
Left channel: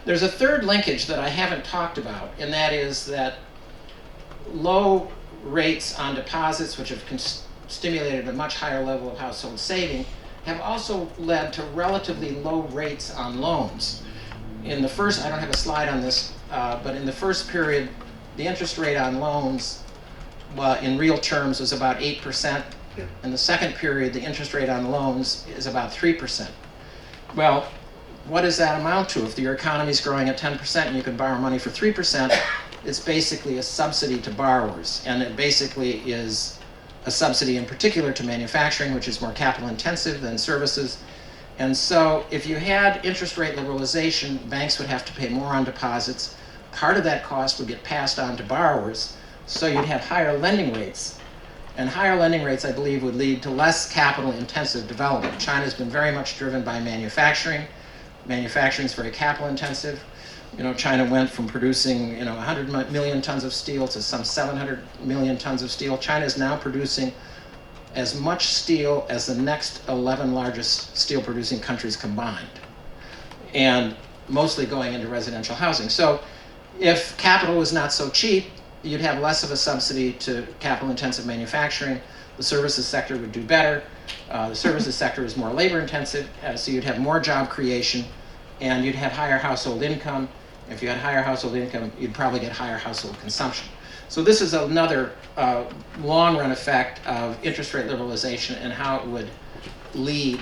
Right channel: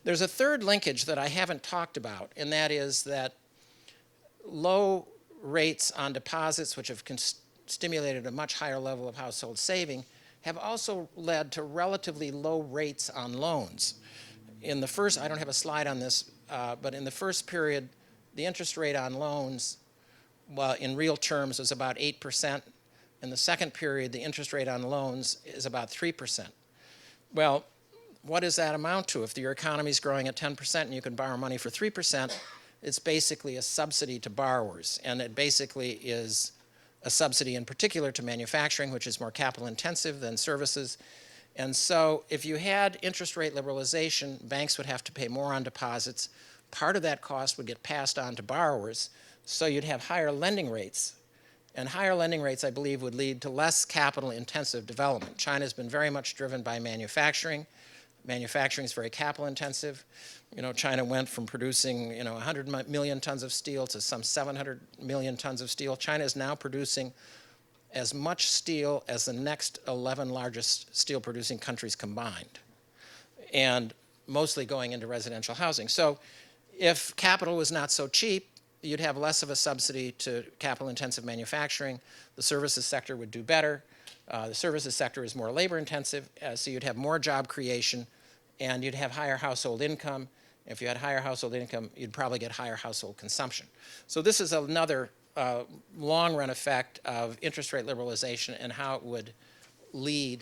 There's a third linkage that I haven't talked about, and that is that low rates on deposits, which have stimulated a much higher level of household saving, have also led to relatively low rates on loans. In the first, I don't have a slide on this, but in the first period, the interest rate on loans in real terms was about 8%. In the second period, the interest rate on loans is about 3%. Well, what does that amount to? If your economy is growing at 10% and you can borrow money for 3%, it's basically a subsidy to borrowers. And it basically is a subsidy in particular to manufacturing, which is more capital intensive than services. And so if you had interest rate liberalization, banks would have to pay more on deposits. Part of that cost would get passed on to borrowers, so you'd have higher lending rates. And higher lending rates, I believe, would lead to less capital-intensive development. China's been very much driven by manufacturing. Manufacturing is very capital-intensive. China went from producing 100 million tons of steel to some 700 million tons of steel. China is now producing as much steel as the next 11 largest steel-producing countries combined, and mostly going into residential housing. So if capital was not so cheap, you'd have less of a subsidy to capital-intensive manufacturing. The services sector would do better. The services sector is more labor-intensive, so you'd have more job creation, and you'd have higher household income. If you had higher household income, you'd probably get higher household consumption. So this is another long-run effect of interest rate liberalization and how it would lead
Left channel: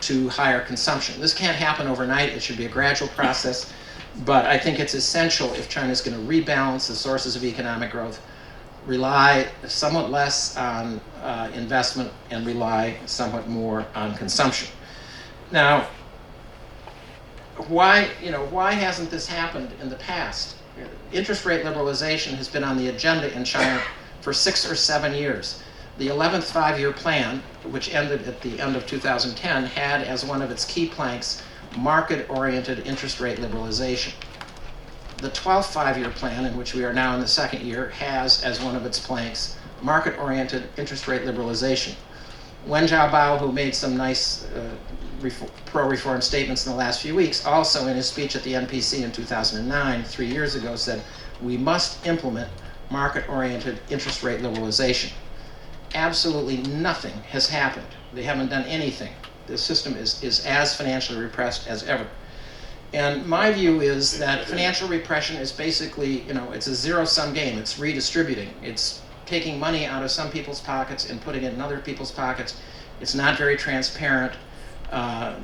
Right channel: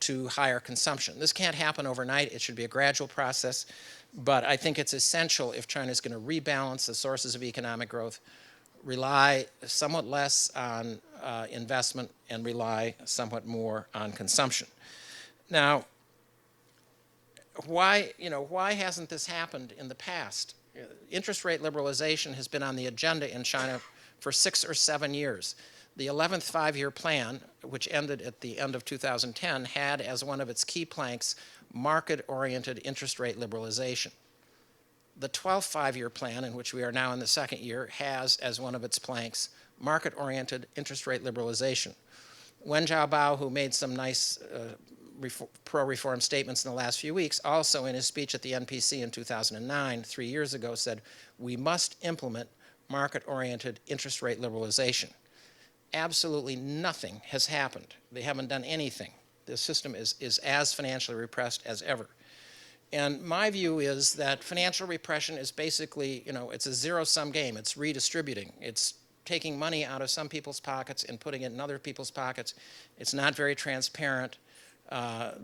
to higher consumption. This can't happen overnight. It should be a gradual process. But I think it's essential if China's going to rebalance the sources of economic growth, rely somewhat less on investment and rely somewhat more on consumption. Now, why hasn't this happened in the past? Interest rate liberalization has been on the agenda in China for 6 or 7 years. The 11th five-year plan, which ended at the end of 2010, had as one of its key planks market-oriented interest rate liberalization. The 12th five-year plan, in which we are now in the second year, has as one of its planks market-oriented interest rate liberalization. Wen Jiabao, who made some nice pro-reform statements in the last few weeks, also in his speech at the NPC in 2009, 3 years ago, said, we must implement market-oriented interest rate liberalization. Absolutely nothing has happened. They haven't done anything. The system is as financially repressed as ever. And my view is that financial repression is basically, it's a zero-sum game. It's redistributing. It's taking money out of some people's pockets and putting it in other people's pockets. It's not very transparent.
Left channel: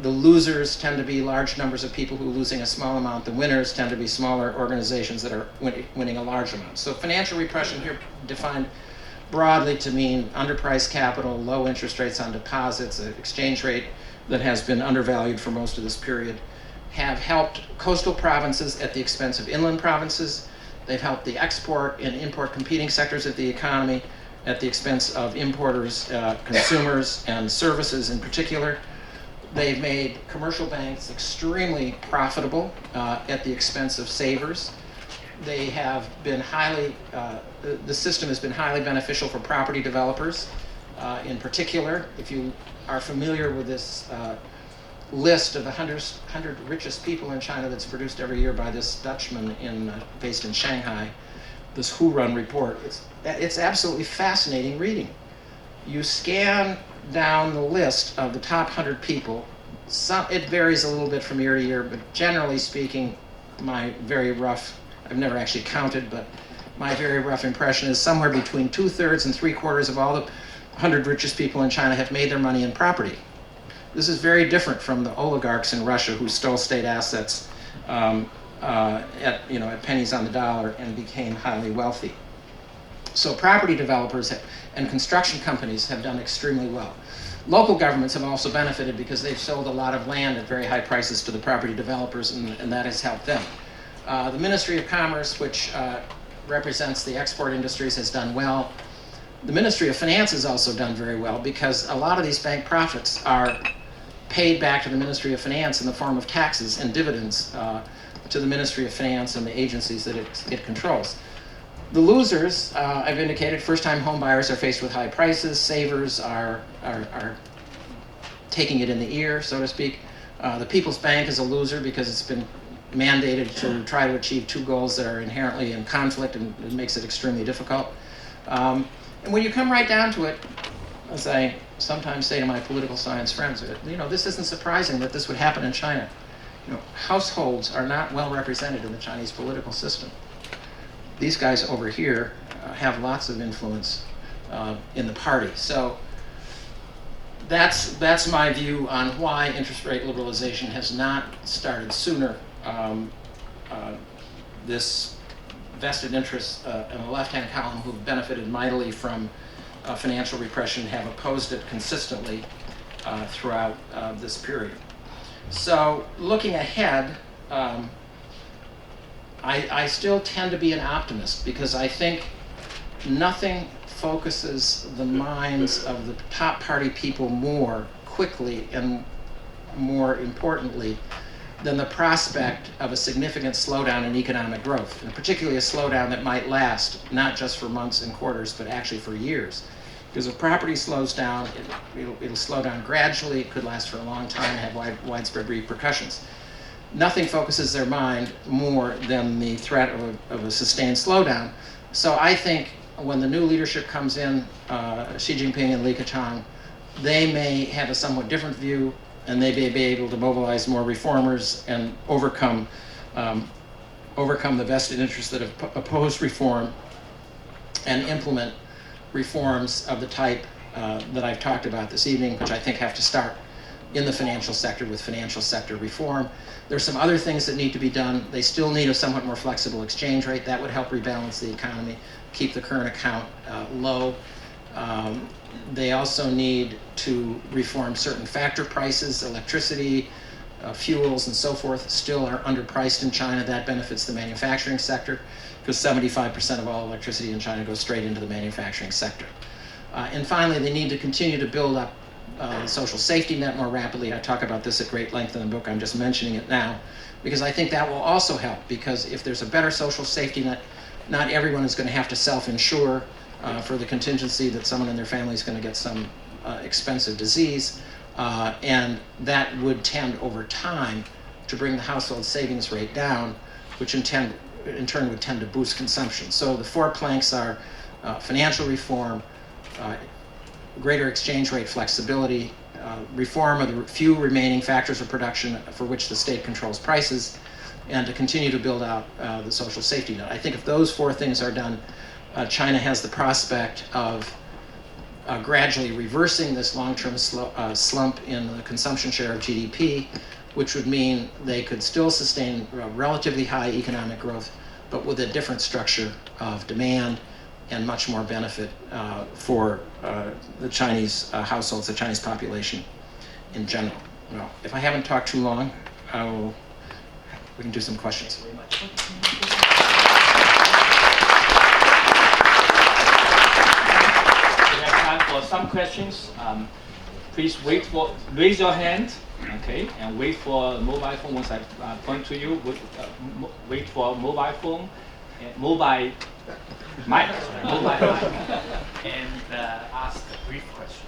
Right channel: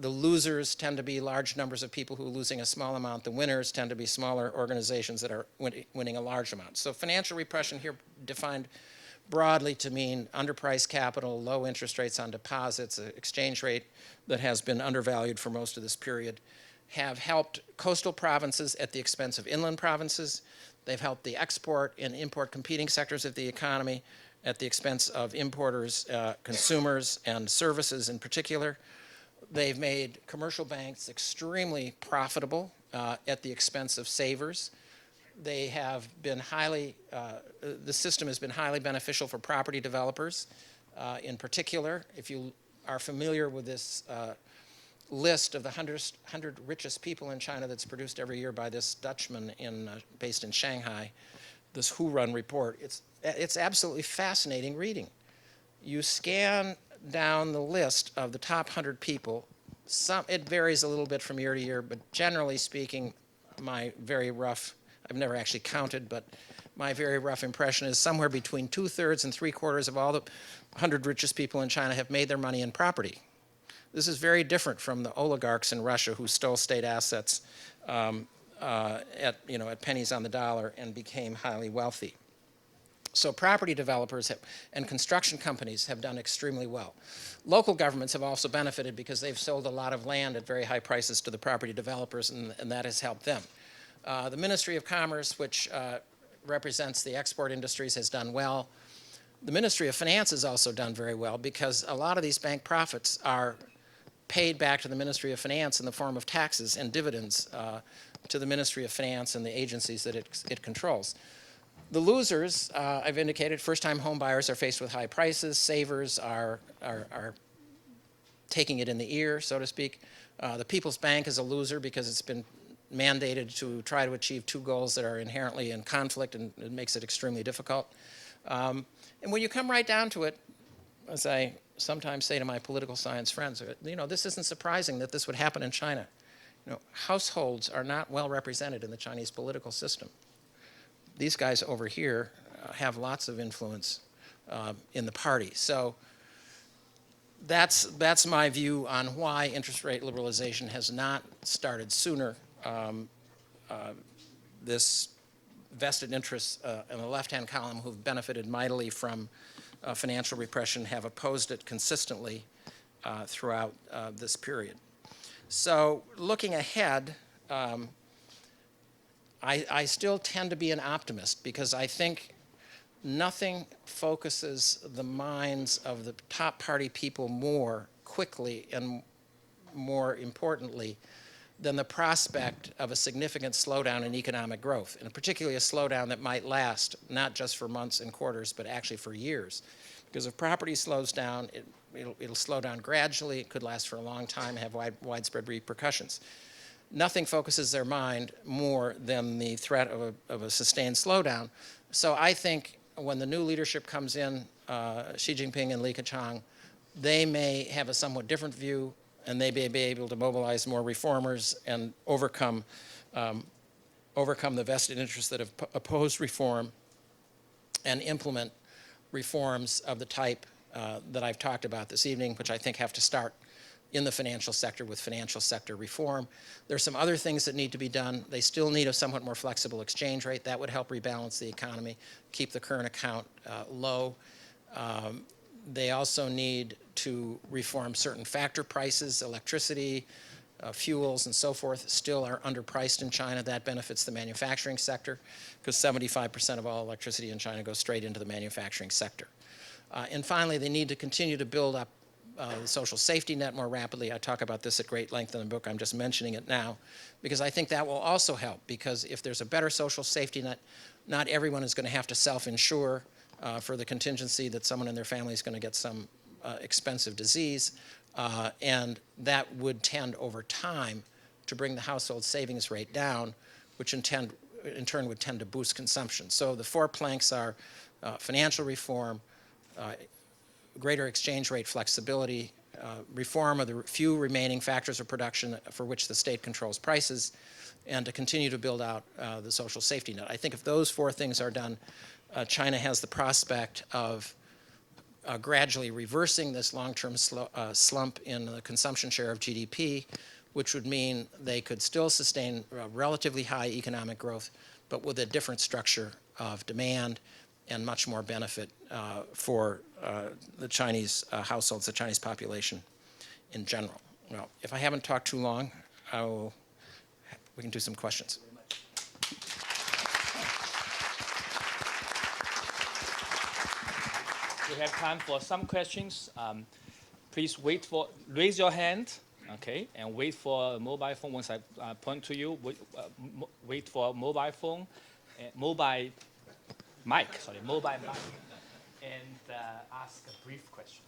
The losers tend to be large numbers of people who are losing a small amount. The winners tend to be smaller organizations that are winning a large amount. So financial repression here defined broadly to mean underpriced capital, low interest rates on deposits, an exchange rate that has been undervalued for most of this period, have helped coastal provinces at the expense of inland provinces. They've helped the export and import competing sectors of the economy at the expense of importers, consumers, and services in particular. They've made commercial banks extremely profitable at the expense of savers. They have been the system has been highly beneficial for property developers. In particular, if you are familiar with this list of the 100 richest people in China that's produced every year by this Dutchman based in Shanghai, this Who Run report, it's absolutely fascinating reading. You scan down the list of the top 100 people. It varies a little bit from year to year, but generally speaking, my very rough, I've never actually counted, but my very rough impression is somewhere between 2/3 and 3/4 of all the 100 richest people in China have made their money in property. This is very different from the oligarchs in Russia who stole state assets at pennies on the dollar and became highly wealthy. So property developers and construction companies have done extremely well. Local governments have also benefited because they've sold a lot of land at very high prices to the property developers, and that has helped them. The Ministry of Commerce, which represents the export industries, has done well. The Ministry of Finance has also done very well because a lot of these bank profits are paid back to the Ministry of Finance in the form of taxes and dividends to the Ministry of Finance and the agencies that it controls. The losers, I've indicated, first-time home buyers are faced with high prices. Savers are taking it in the ear, so to speak. The People's Bank is a loser because it's been mandated to try to achieve two goals that are inherently in conflict, and it makes it extremely difficult. And when you come right down to it, as I sometimes say to my political science friends, this isn't surprising that this would happen in China. Households are not well represented in the Chinese political system. These guys over here have lots of influence in the party. So that's my view on why interest rate liberalization has not started sooner. This vested interests in the left-hand column who've benefited mightily from financial repression have opposed it consistently throughout this period. So looking ahead, I still tend to be an optimist because I think nothing focuses the minds of the top party people more quickly and more importantly than the prospect of a significant slowdown in economic growth, and particularly a slowdown that might last not just for months and quarters, but actually for years. Because if property slows down, it'll slow down gradually, it could last for a long time and have widespread repercussions. Nothing focuses their mind more than the threat of a sustained slowdown. So I think when the new leadership comes in, Xi Jinping and Li Keqiang, they may have a somewhat different view, and they may be able to mobilize more reformers and overcome the vested interests that have opposed reform and implement reforms of the type that I've talked about this evening, which I think have to start in the financial sector with financial sector reform. There's some other things that need to be done. They still need a somewhat more flexible exchange rate. That would help rebalance the economy, keep the current account low. They also need to reform certain factor prices, electricity, fuels, and so forth still are underpriced in China. That benefits the manufacturing sector because 75% of all electricity in China goes straight into the manufacturing sector. And finally, they need to continue to build up the social safety net more rapidly. I talk about this at great length in the book. I'm just mentioning it now because I think that will also help, because if there's a better social safety net, not everyone is going to have to self-insure for the contingency that someone in their family is going to get some expensive disease, and that would tend over time to bring the household savings rate down, which in turn would tend to boost consumption. So the four planks are financial reform, greater exchange rate flexibility, reform of the few remaining factors of production for which the state controls prices, and to continue to build out the social safety net. I think if those four things are done, China has the prospect of gradually reversing this long-term slump in the consumption share of GDP, which would mean they could still sustain relatively high economic growth, but with a different structure of demand and much more benefit for the Chinese households, the Chinese population in general. Well, if I haven't talked too long, we can do some questions. We have time for some questions. Please raise your hand, okay, and wait for a mobile phone. Once I point to you, wait for a mobile phone, mobile mic, and ask a brief question.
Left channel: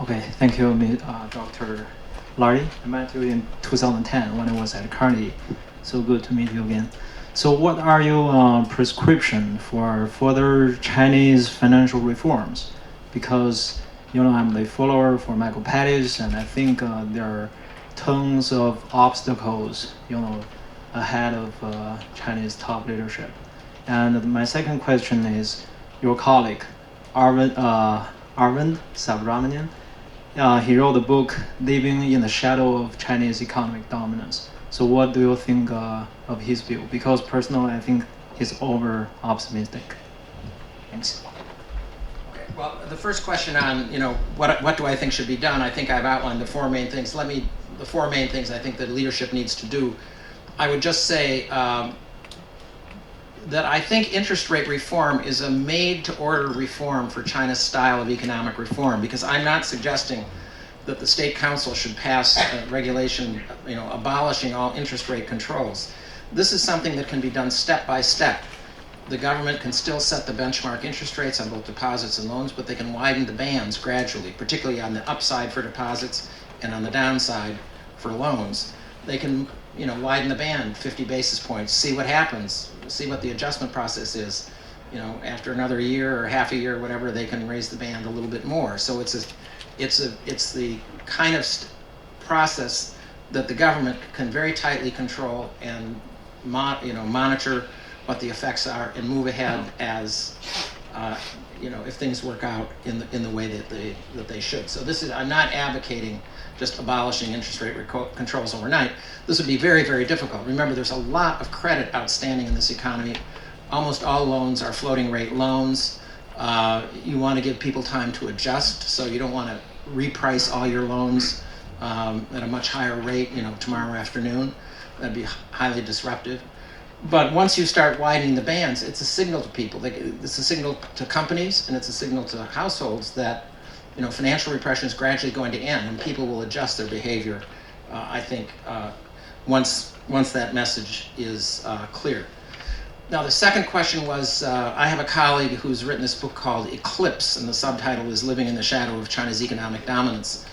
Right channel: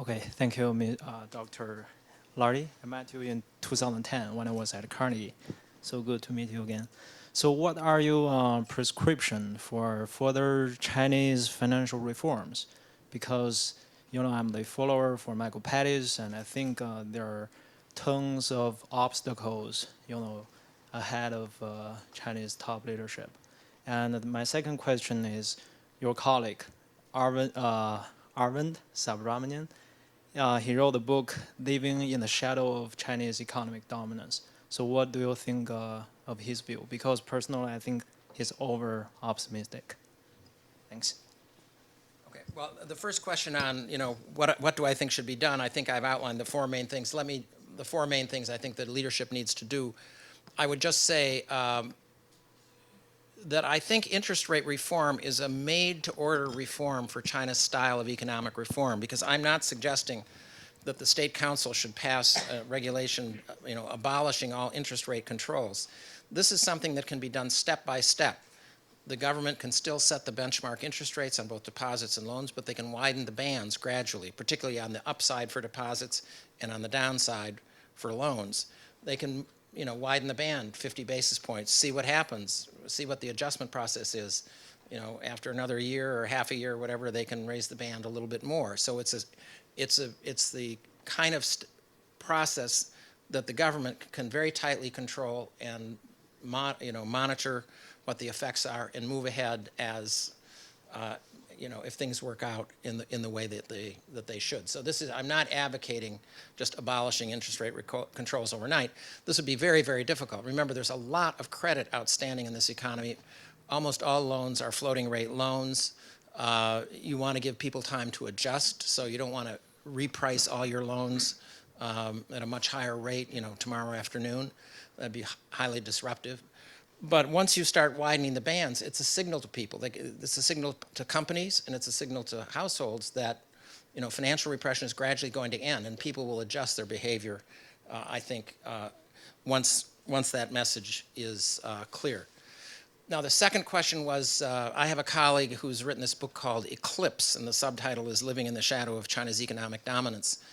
Okay, thank you, Dr. Lardy. I met you in 2010 when I was at Carnegie. So good to meet you again. So what are your prescription for further Chinese financial reforms? Because, I'm the follower for Michael Pettis, and I think there are tons of obstacles, ahead of Chinese top leadership. And my second question is, your colleague, Arvind Subramanian, he wrote a book, Living in the Shadow of Chinese Economic Dominance. So what do you think of his view? Because personally, I think he's over-optimistic. Thanks. Okay. Well, the first question on, what do I think should be done? I think I've outlined the four main things. The four main things I think that leadership needs to do. I would just say that I think interest rate reform is a made-to-order reform for China's style of economic reform, because I'm not suggesting that the State Council should pass regulation, abolishing all interest rate controls. This is something that can be done step by step. The government can still set the benchmark interest rates on both deposits and loans, but they can widen the bands gradually, particularly on the upside for deposits and on the downside for loans. They can, widen the band 50 basis points, see what happens, see what the adjustment process is. After another year or half a year or whatever, they can raise the band a little bit more. So it's the kind of process that the government can very tightly control and monitor what the effects are and move ahead as if things work out in the way that they should. So I'm not advocating just abolishing interest rate controls overnight. This would be very, very difficult. Remember, there's a lot of credit outstanding in this economy. Almost all loans are floating rate loans. You want to give people time to adjust, so you don't want to reprice all your loans at a much higher rate, tomorrow afternoon. That'd be highly disruptive. But once you start widening the bands, it's a signal to people. It's a signal to companies, and it's a signal to households that financial repression is gradually going to end, and people will adjust their behavior. I think once that message is clear. Now, the second question was, I have a colleague who's written this book called Eclipse, and the subtitle is Living in the Shadow of China's Economic Dominance.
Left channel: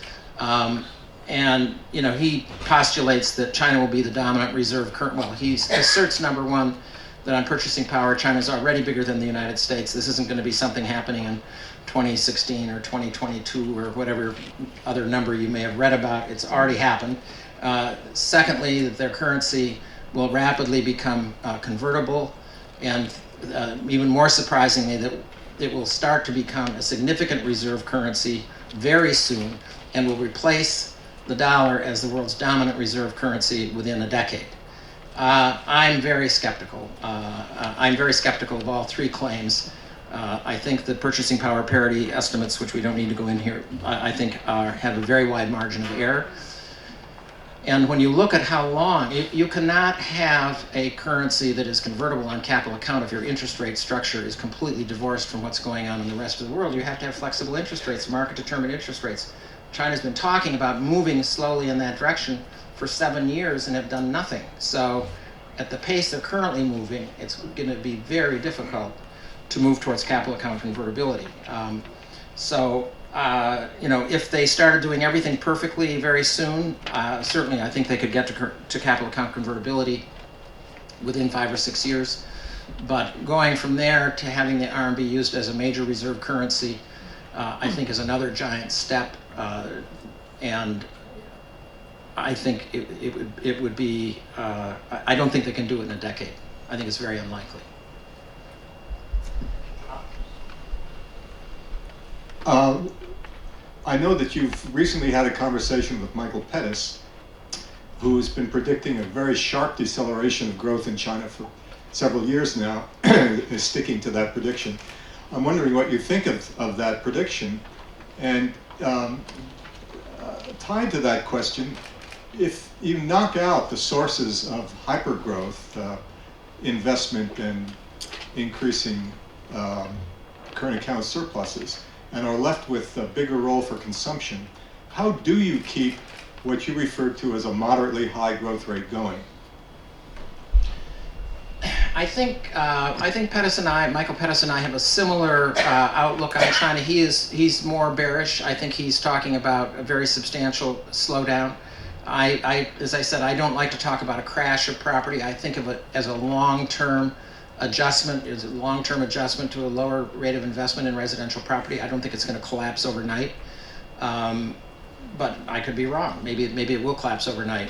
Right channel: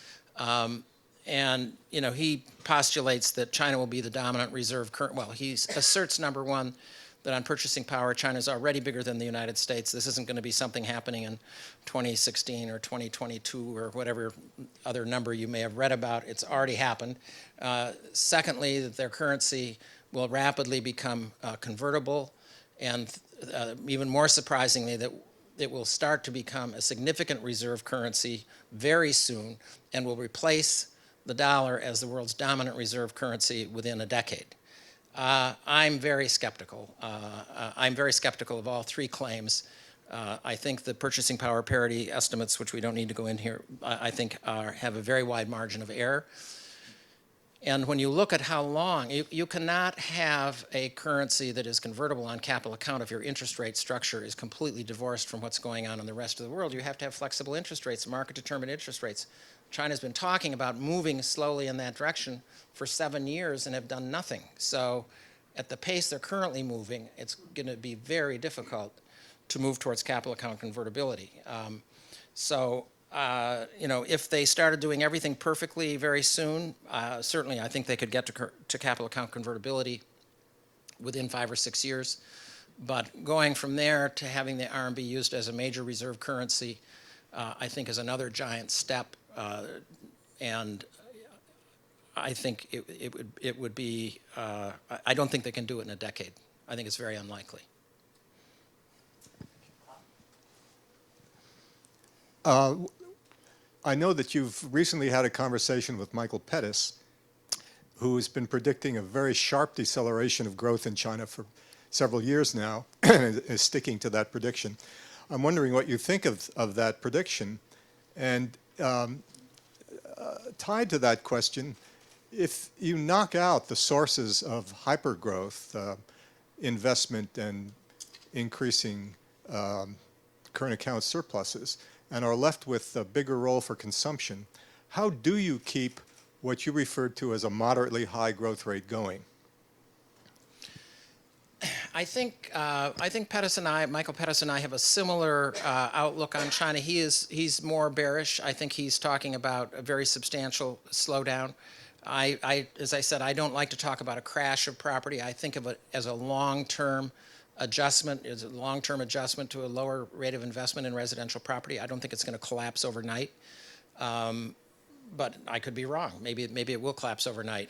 And he postulates that China will be the dominant reserve currency. Well, he asserts, number one, that on purchasing power, China's already bigger than the United States. This isn't going to be something happening in 2016 or 2022 or whatever other number you may have read about. It's already happened. Secondly, that their currency will rapidly become convertible, and even more surprisingly, that it will start to become a significant reserve currency very soon and will replace the dollar as the world's dominant reserve currency within a decade. I'm very skeptical. I'm very skeptical of all three claims. I think the purchasing power parity estimates, which we don't need to go in here, I think have a very wide margin of error. And when you look at how long, you cannot have a currency that is convertible on capital account if your interest rate structure is completely divorced from what's going on in the rest of the world. You have to have flexible interest rates, market-determined interest rates. China's been talking about moving slowly in that direction for 7 years and have done nothing. So at the pace they're currently moving, it's going to be very difficult to move towards capital account convertibility. If they started doing everything perfectly very soon, certainly I think they could get to capital account convertibility within 5 or 6 years. But going from there to having the RMB used as a major reserve currency, I think is another giant step. And I think it would be, I don't think they can do it in a decade. I think it's very unlikely. I know that you've recently had a conversation with Michael Pettis, who has been predicting a very sharp deceleration of growth in China for several years now, is sticking to that prediction. I'm wondering what you think of that prediction, and tied to that question, if you knock out the sources of hypergrowth, investment and increasing current account surpluses, and are left with a bigger role for consumption, how do you keep what you referred to as a moderately high growth rate going? I think Michael Pettis and I have a similar outlook on China. He's more bearish. I think he's talking about a very substantial slowdown. As I said, I don't like to talk about a crash of property. I think of it as a long-term adjustment, is a long-term adjustment to a lower rate of investment in residential property. I don't think it's going to collapse overnight, but I could be wrong. Maybe it will collapse overnight.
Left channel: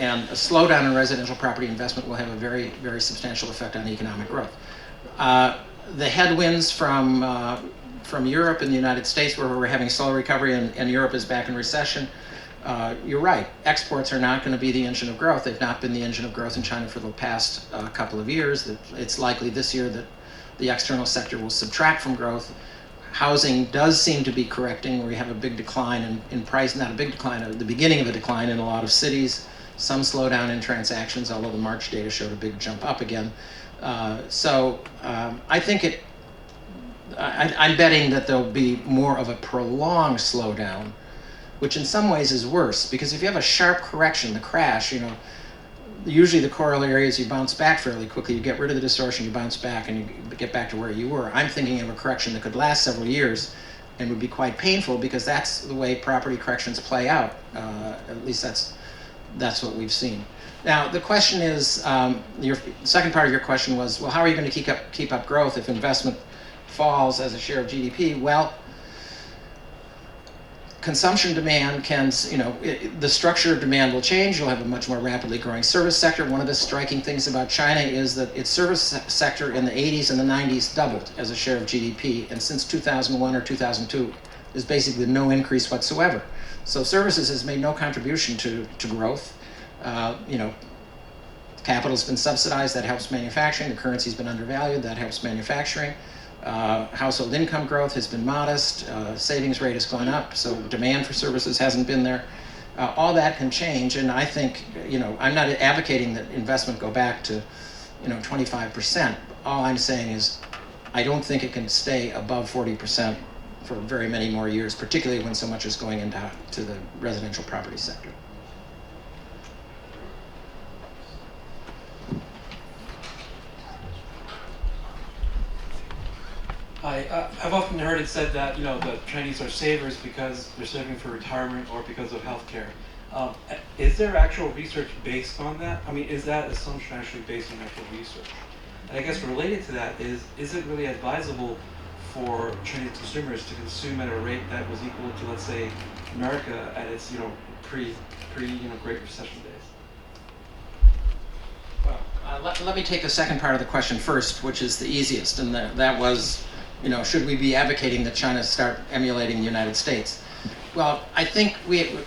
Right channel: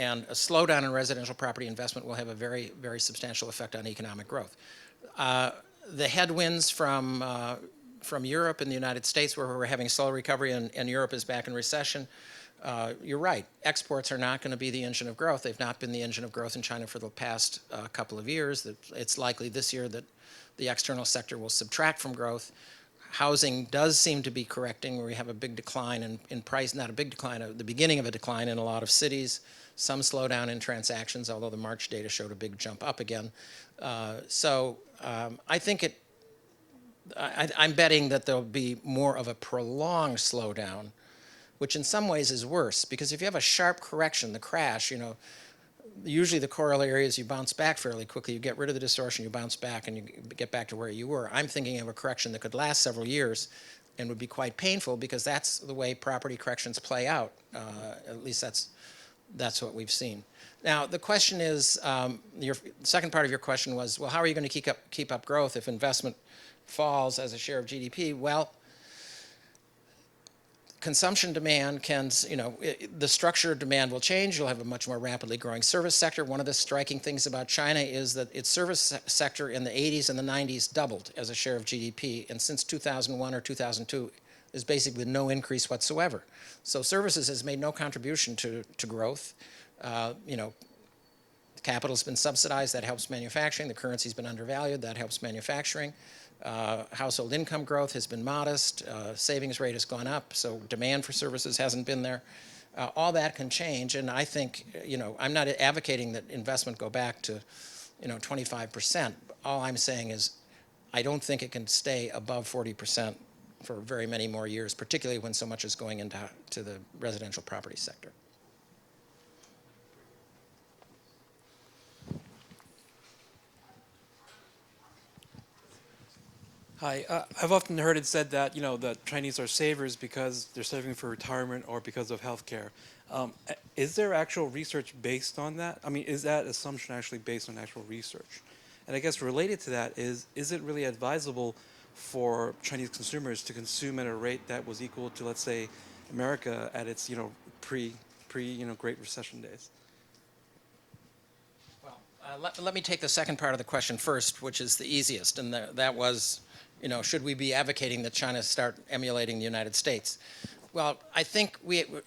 And a slowdown in residential property investment will have a very, very substantial effect on economic growth. The headwinds from Europe and the United States, where we're having slow recovery and Europe is back in recession, you're right. Exports are not going to be the engine of growth. They've not been the engine of growth in China for the past couple of years. It's likely this year that the external sector will subtract from growth. Housing does seem to be correcting, where we have a big decline in price, not a big decline, the beginning of a decline in a lot of cities. Some slowdown in transactions, although the March data showed a big jump up again. I think I'm betting that there'll be more of a prolonged slowdown, which in some ways is worse, because if you have a sharp correction, the crash, usually the corollary is you bounce back fairly quickly. You get rid of the distortion, you bounce back, and you get back to where you were. I'm thinking of a correction that could last several years and would be quite painful, because that's the way property corrections play out. At least that's what we've seen. Now, the question is, your second part of your question was, well, how are you going to keep up growth if investment falls as a share of GDP? Well, consumption demand can, the structure of demand will change. You'll have a much more rapidly growing service sector. One of the striking things about China is that its service sector in the 80s and the 90s doubled as a share of GDP, and since 2001 or 2002, there's basically no increase whatsoever. So services has made no contribution to growth. Capital's been subsidized, that helps manufacturing. The currency's been undervalued, that helps manufacturing. Household income growth has been modest. Savings rate has gone up, so demand for services hasn't been there. All that can change, and I think, I'm not advocating that investment go back to, 25%. All I'm saying is, I don't think it can stay above 40% for very many more years, particularly when so much is going into the residential property sector. Hi, I've often heard it said that the Chinese are savers because they're saving for retirement or because of healthcare. Is there actual research based on that? I mean, is that assumption actually based on actual research? And I guess related to that is it really advisable for Chinese consumers to consume at a rate that was equal to, let's say, America at its pre Great Recession days? Well, let me take the second part of the question first, which is the easiest, and that was, should we be advocating that China start emulating the United States? Well, I think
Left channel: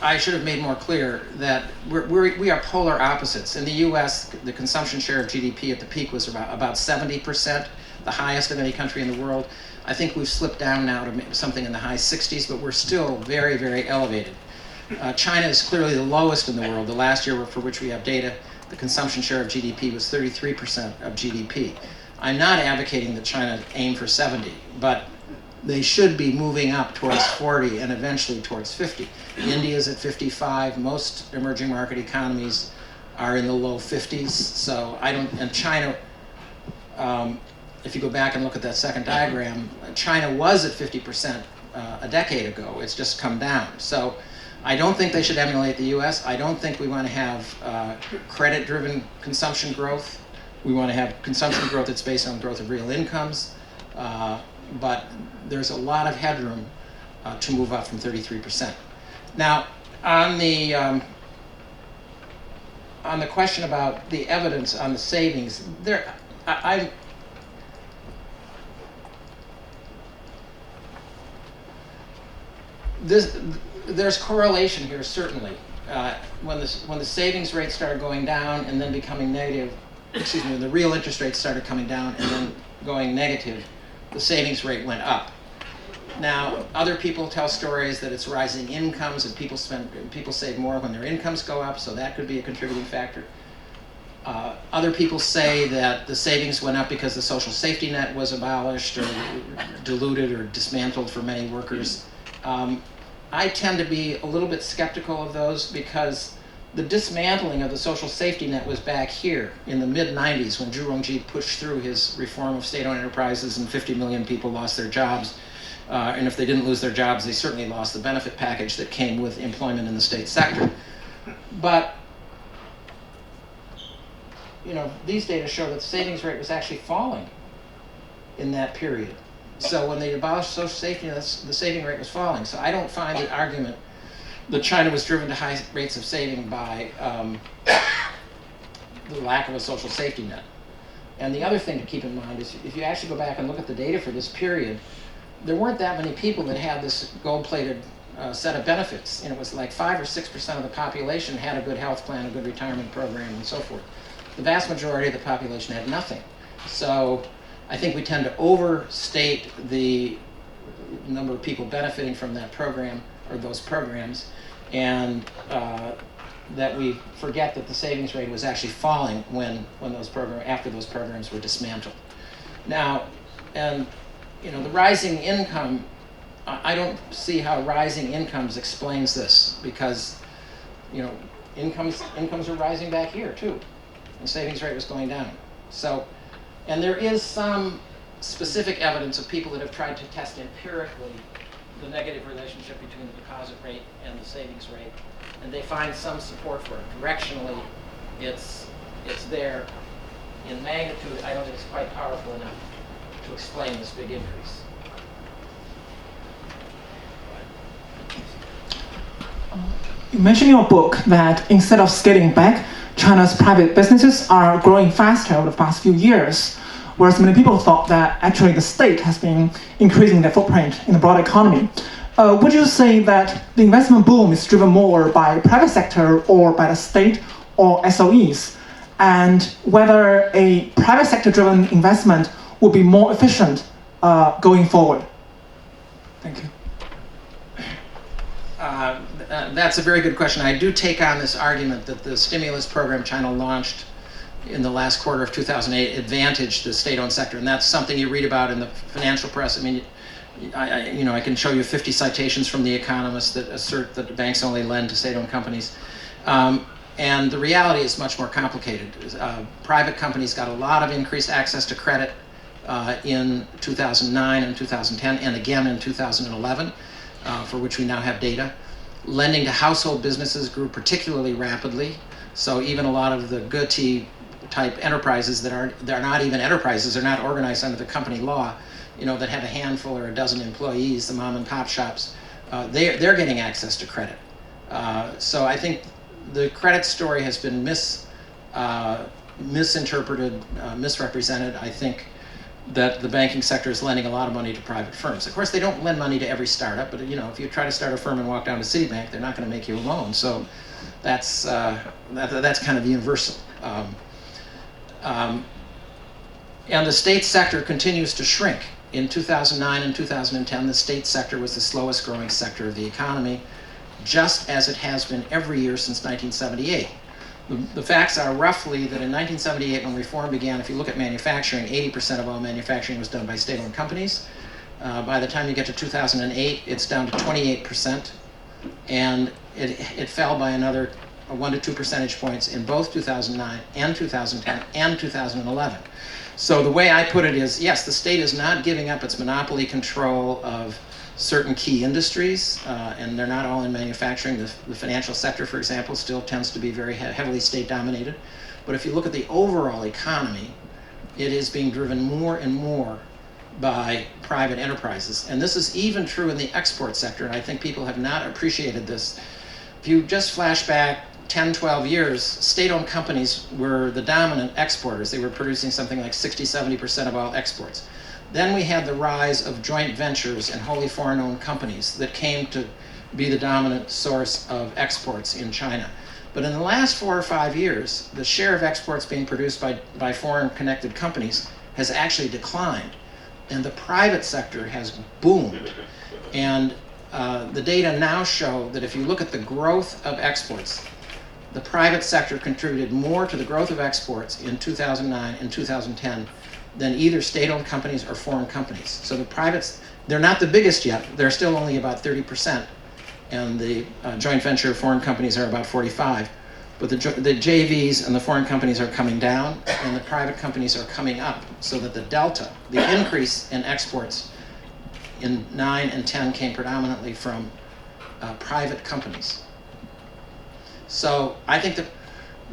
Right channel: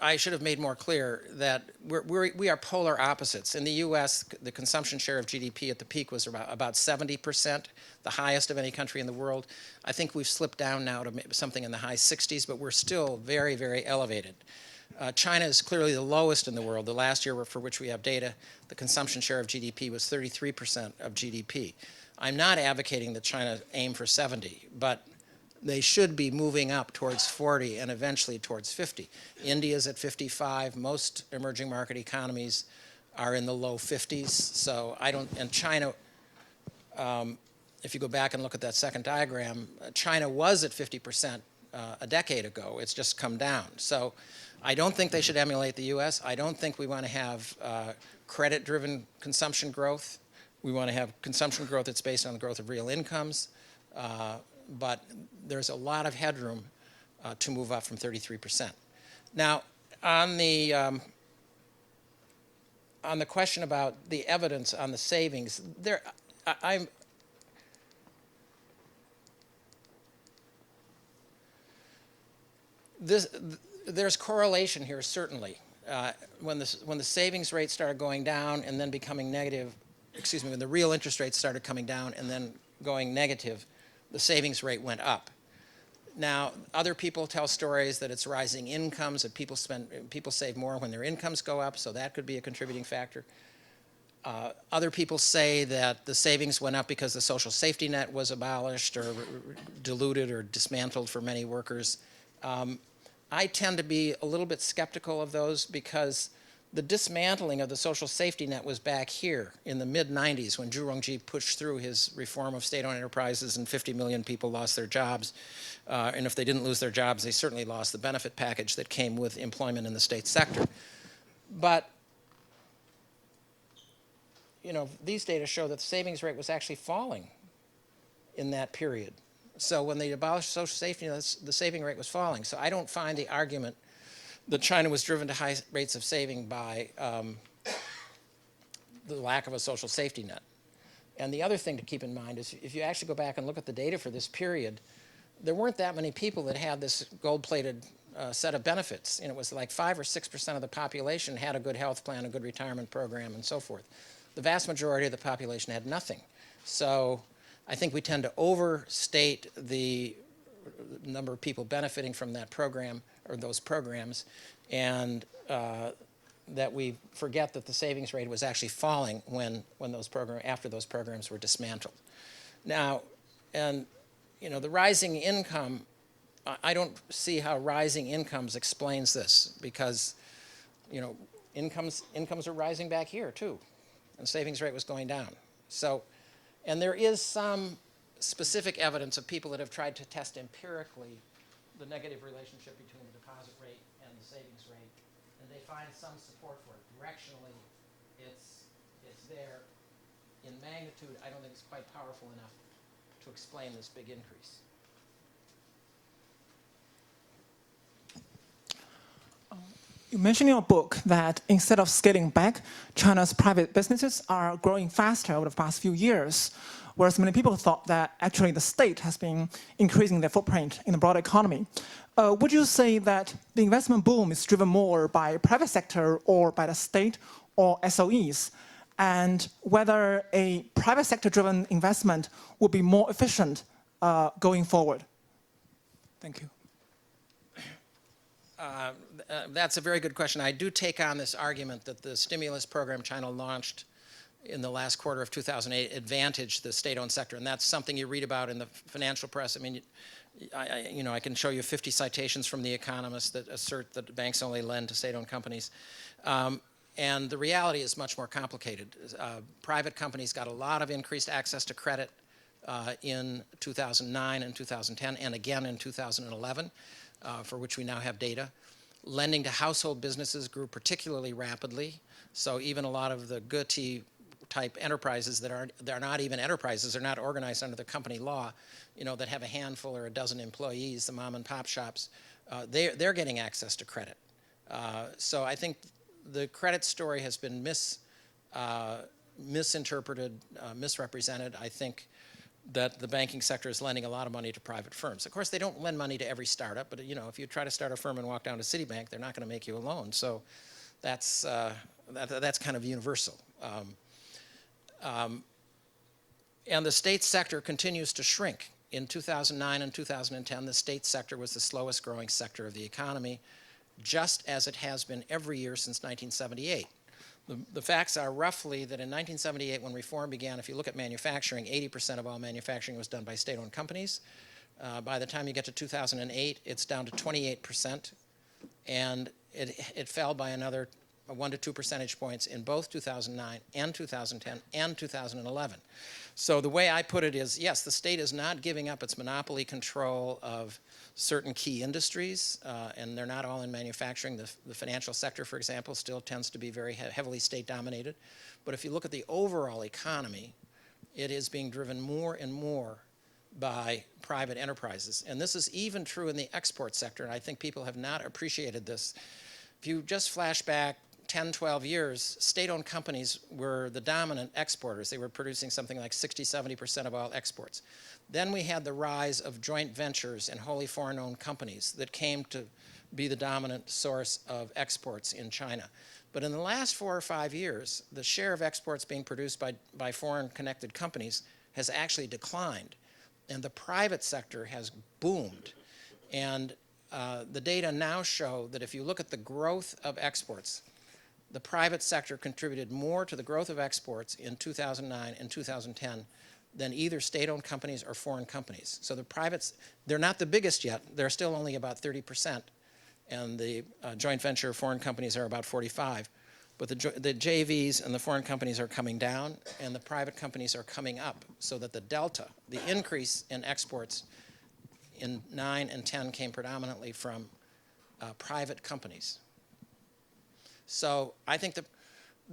I should have made more clear that we are polar opposites. In the U.S., the consumption share of GDP at the peak was about 70%, the highest of any country in the world. I think we've slipped down now to something in the high 60s, but we're still very, very elevated. China is clearly the lowest in the world. The last year for which we have data, the consumption share of GDP was 33% of GDP. I'm not advocating that China aim for 70, but they should be moving up towards 40 and eventually towards 50. India's at 55. Most emerging market economies are in the low 50s. So and China, if you go back and look at that second diagram, China was at 50% a decade ago. It's just come down. So I don't think they should emulate the US. I don't think we want to have credit-driven consumption growth. We want to have consumption growth that's based on growth of real incomes. But there's a lot of headroom to move up from 33%. Now, on the question about the evidence on the savings, there's correlation here, certainly. When the savings rate started going down and then becoming negative, when the real interest rates started coming down and then going negative, the savings rate went up. Now, other people tell stories that it's rising incomes and people save more when their incomes go up, so that could be a contributing factor. Other people say that the savings went up because the social safety net was abolished or diluted or dismantled for many workers. I tend to be a little bit skeptical of those because the dismantling of the social safety net was back here in the mid-90s when Zhu Rongji pushed through his reform of state-owned enterprises and 50 million people lost their jobs. And if they didn't lose their jobs, they certainly lost the benefit package that came with employment in the state sector. But these data show that the savings rate was actually falling in that period. So when they abolished social safety nets, the saving rate was falling. So I don't find the argument that China was driven to high rates of saving by the lack of a social safety net. And the other thing to keep in mind is if you actually go back and look at the data for this period, there weren't that many people that had this gold-plated set of benefits. And it was like 5 or 6% of the population had a good health plan, a good retirement program, and so forth. The vast majority of the population had nothing. So I think we tend to overstate the number of people benefiting from that program or those programs, and that we forget that the savings rate was actually falling after those programs were dismantled. Now, and the rising income, I don't see how rising incomes explains this because incomes are rising back here too. The savings rate was going down. So, and there is some specific evidence of people that have tried to test empirically the negative relationship between the deposit rate and the savings rate, and they find some support for it. Directionally, it's there. In magnitude, I don't think it's quite powerful enough to explain this big increase. You mentioned in your book that instead of scaling back, China's private businesses are growing faster over the past few years, whereas many people thought that actually the state has been increasing their footprint in the broader economy. Would you say that the investment boom is driven more by private sector or by the state or SOEs? And whether a private sector-driven investment would be more efficient going forward? Thank you. That's a very good question. I do take on this argument that the stimulus program China launched in the last quarter of 2008 advantaged the state-owned sector, and that's something you read about in the financial press. I mean, I can show you 50 citations from The Economist that assert that the banks only lend to state-owned companies. And the reality is much more complicated. Private companies got a lot of increased access to credit in 2009 and 2010, and again in 2011, for which we now have data. Lending to household businesses grew particularly rapidly. So even a lot of the GT type enterprises they're not even enterprises, they're not organized under the company law, that have a handful or a dozen employees, the mom and pop shops, they're getting access to credit. So I think the credit story has been misinterpreted, misrepresented. I think that the banking sector is lending a lot of money to private firms. Of course, they don't lend money to every startup, but if you try to start a firm and walk down to Citibank, they're not going to make you a loan. So that's kind of universal. And the state sector continues to shrink. In 2009 and 2010, the state sector was the slowest growing sector of the economy, just as it has been every year since 1978. The facts are roughly that in 1978, when reform began, if you look at manufacturing, 80% of all manufacturing was done by state-owned companies. By the time you get to 2008, it's down to 28%, and it fell by another 1 to 2 percentage points in both 2009 and 2010 and 2011. So the way I put it is, yes, the state is not giving up its monopoly control of certain key industries, and they're not all in manufacturing. The financial sector, for example, still tends to be very heavily state-dominated. But if you look at the overall economy, it is being driven more and more by private enterprises. And this is even true in the export sector, and I think people have not appreciated this. If you just flash back 10, 12 years, state-owned companies were the dominant exporters. They were producing something like 60, 70% of all exports. Then we had the rise of joint ventures and wholly foreign-owned companies that came to be the dominant source of exports in China. But in the last 4 or 5 years, the share of exports being produced by foreign-connected companies has actually declined, and the private sector has boomed. And the data now show that if you look at the growth of exports, the private sector contributed more to the growth of exports in 2009 and 2010 than either state-owned companies or foreign companies. So the privates, they're not the biggest yet. They're still only about 30%, and the joint venture foreign companies are about 45%. But the JVs and the foreign companies are coming down, and the private companies are coming up, so that the delta, the increase in exports in 9 and 10 came predominantly from private companies. So I think that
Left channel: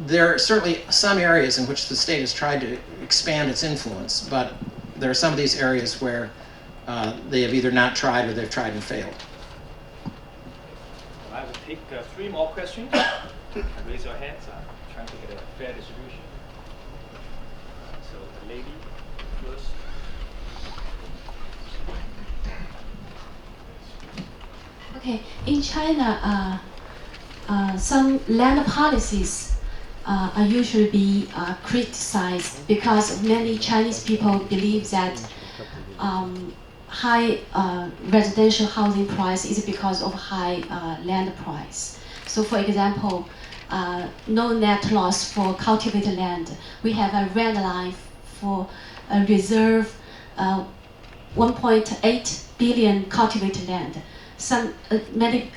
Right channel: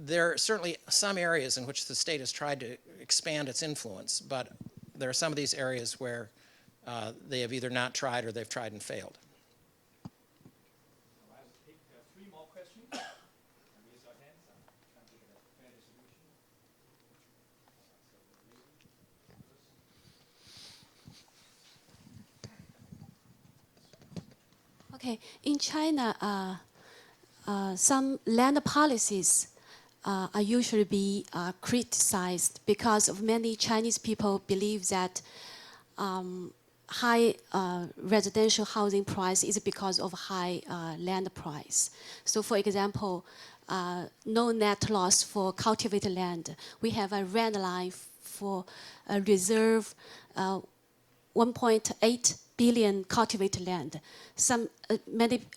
there are certainly some areas in which the state has tried to expand its influence, but there are some of these areas where they have either not tried or they've tried and failed. I will take 3 more questions. Raise your hands. I'm trying to get a fair distribution. So the lady first. Okay, in China, some land policies are usually be criticized because many Chinese people believe that high residential housing price is because of high land price. So for example, no net loss for cultivated land. We have a red line for a reserve 1.8 billion cultivated land. Many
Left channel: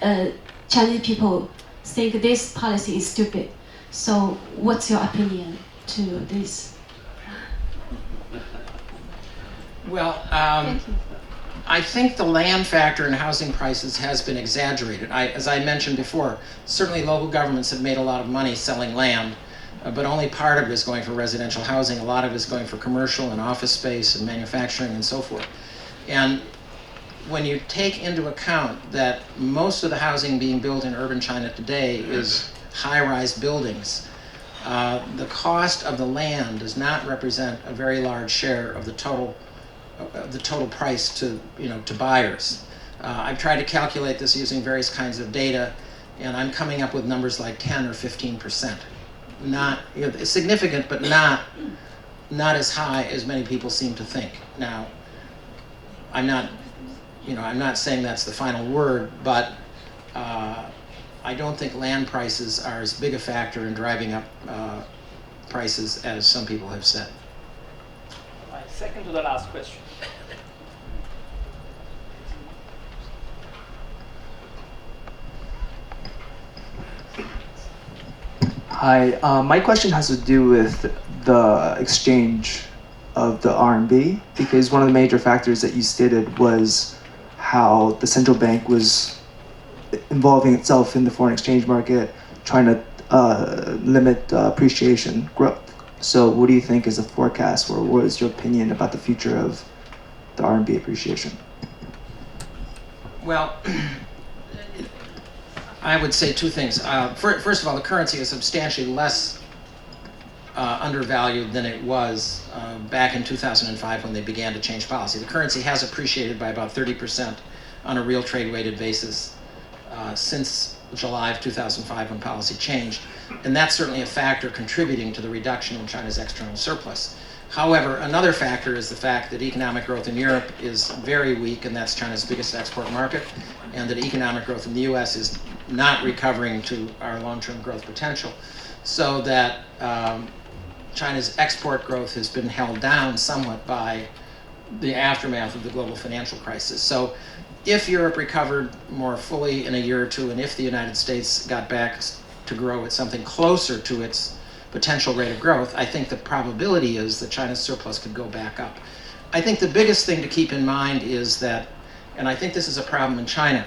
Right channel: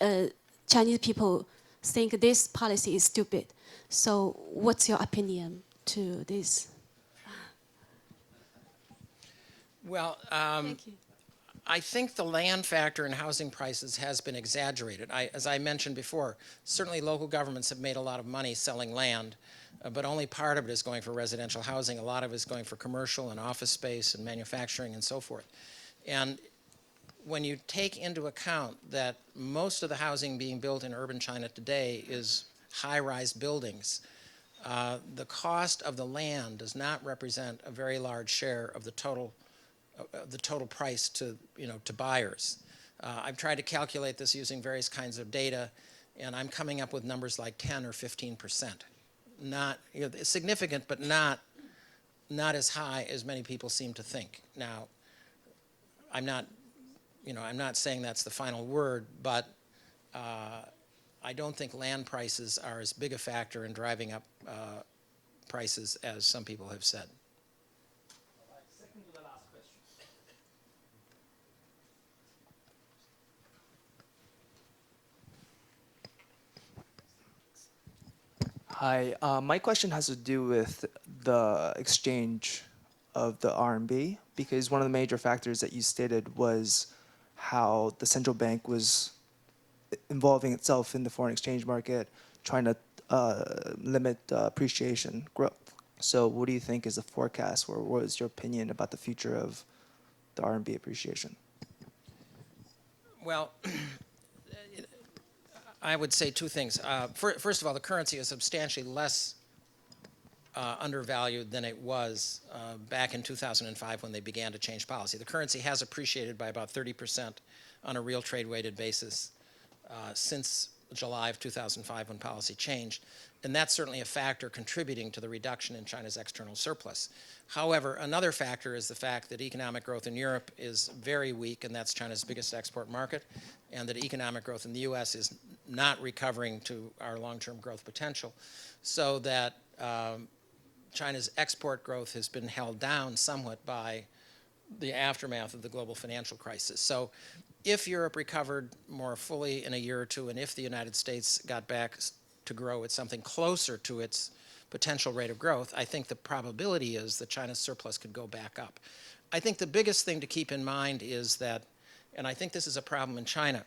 Chinese people think this policy is stupid. So what's your opinion to this? Well, Thank you. I think the land factor in housing prices has been exaggerated. As I mentioned before, certainly local governments have made a lot of money selling land, but only part of it is going for residential housing. A lot of it is going for commercial and office space and manufacturing and so forth. And when you take into account that most of the housing being built in urban China today is high-rise buildings, the cost of the land does not represent a very large share of the total price to buyers. I've tried to calculate this using various kinds of data, and I'm coming up with numbers like 10 or 15%. Not it's significant, but not as high as many people seem to think. Now, I'm not, I'm not saying that's the final word, but I don't think land prices are as big a factor in driving up prices as some people have said. Right, second to the last question. Hi, my question has to do with the exchange of the RMB, because one of the major factors that you stated was how the central bank was involving itself in the foreign exchange market, trying to limit appreciation growth. So what do you think is the forecast, or what is your opinion about the future of the RMB appreciation? Well, I would say two things. First of all, the currency is substantially less undervalued than it was back in 2005 when they began to change policy. The currency has appreciated by about 30% on a real trade-weighted basis since July of 2005 when policy changed. And that's certainly a factor contributing to the reduction in China's external surplus. However, another factor is the fact that economic growth in Europe is very weak, and that's China's biggest export market, and that economic growth in the US is not recovering to our long-term growth potential, so that China's export growth has been held down somewhat by the aftermath of the global financial crisis. So if Europe recovered more fully in a year or two, and if the United States got back to grow at something closer to its potential rate of growth, I think the probability is that China's surplus could go back up. I think the biggest thing to keep in mind is that, and I think this is a problem in China,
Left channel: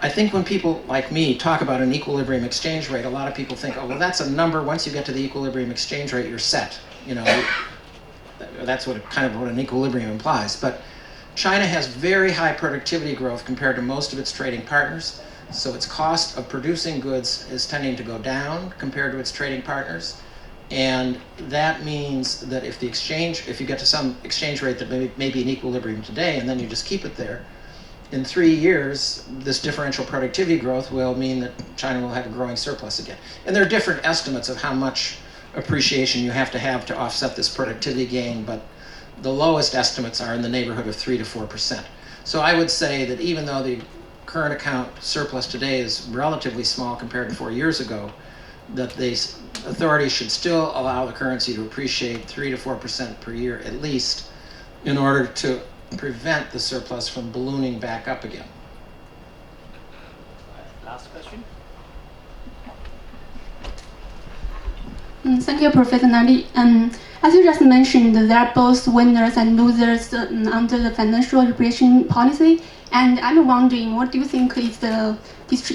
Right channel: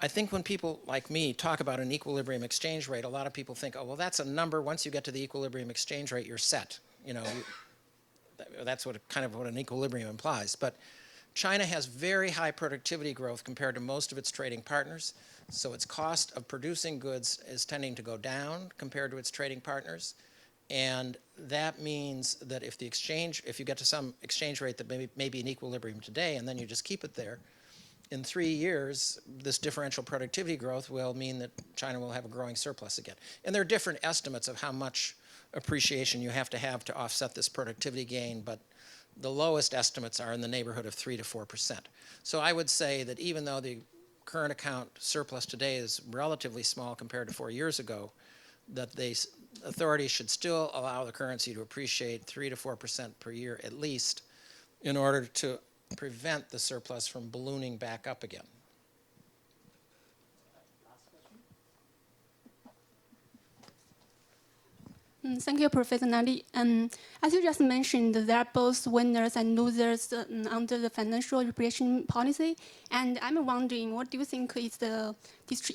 I think when people like me talk about an equilibrium exchange rate, a lot of people think, oh, well, that's a number. Once you get to the equilibrium exchange rate, you're set. That's kind of what an equilibrium implies. But China has very high productivity growth compared to most of its trading partners. So its cost of producing goods is tending to go down compared to its trading partners. And that means that if you get to some exchange rate that may be in equilibrium today, and then you just keep it there, in 3 years, this differential productivity growth will mean that China will have a growing surplus again. And there are different estimates of how much appreciation you have to offset this productivity gain, but the lowest estimates are in the neighborhood of 3 to 4%. So I would say that even though the current account surplus today is relatively small compared to 4 years ago, that the authorities should still allow the currency to appreciate 3 to 4% per year at least in order to prevent the surplus from ballooning back up again. Last question. Thank you, Professor Lardy. As you just mentioned, there are both winners and losers under the financial repression policy. And I'm wondering, what do you think is the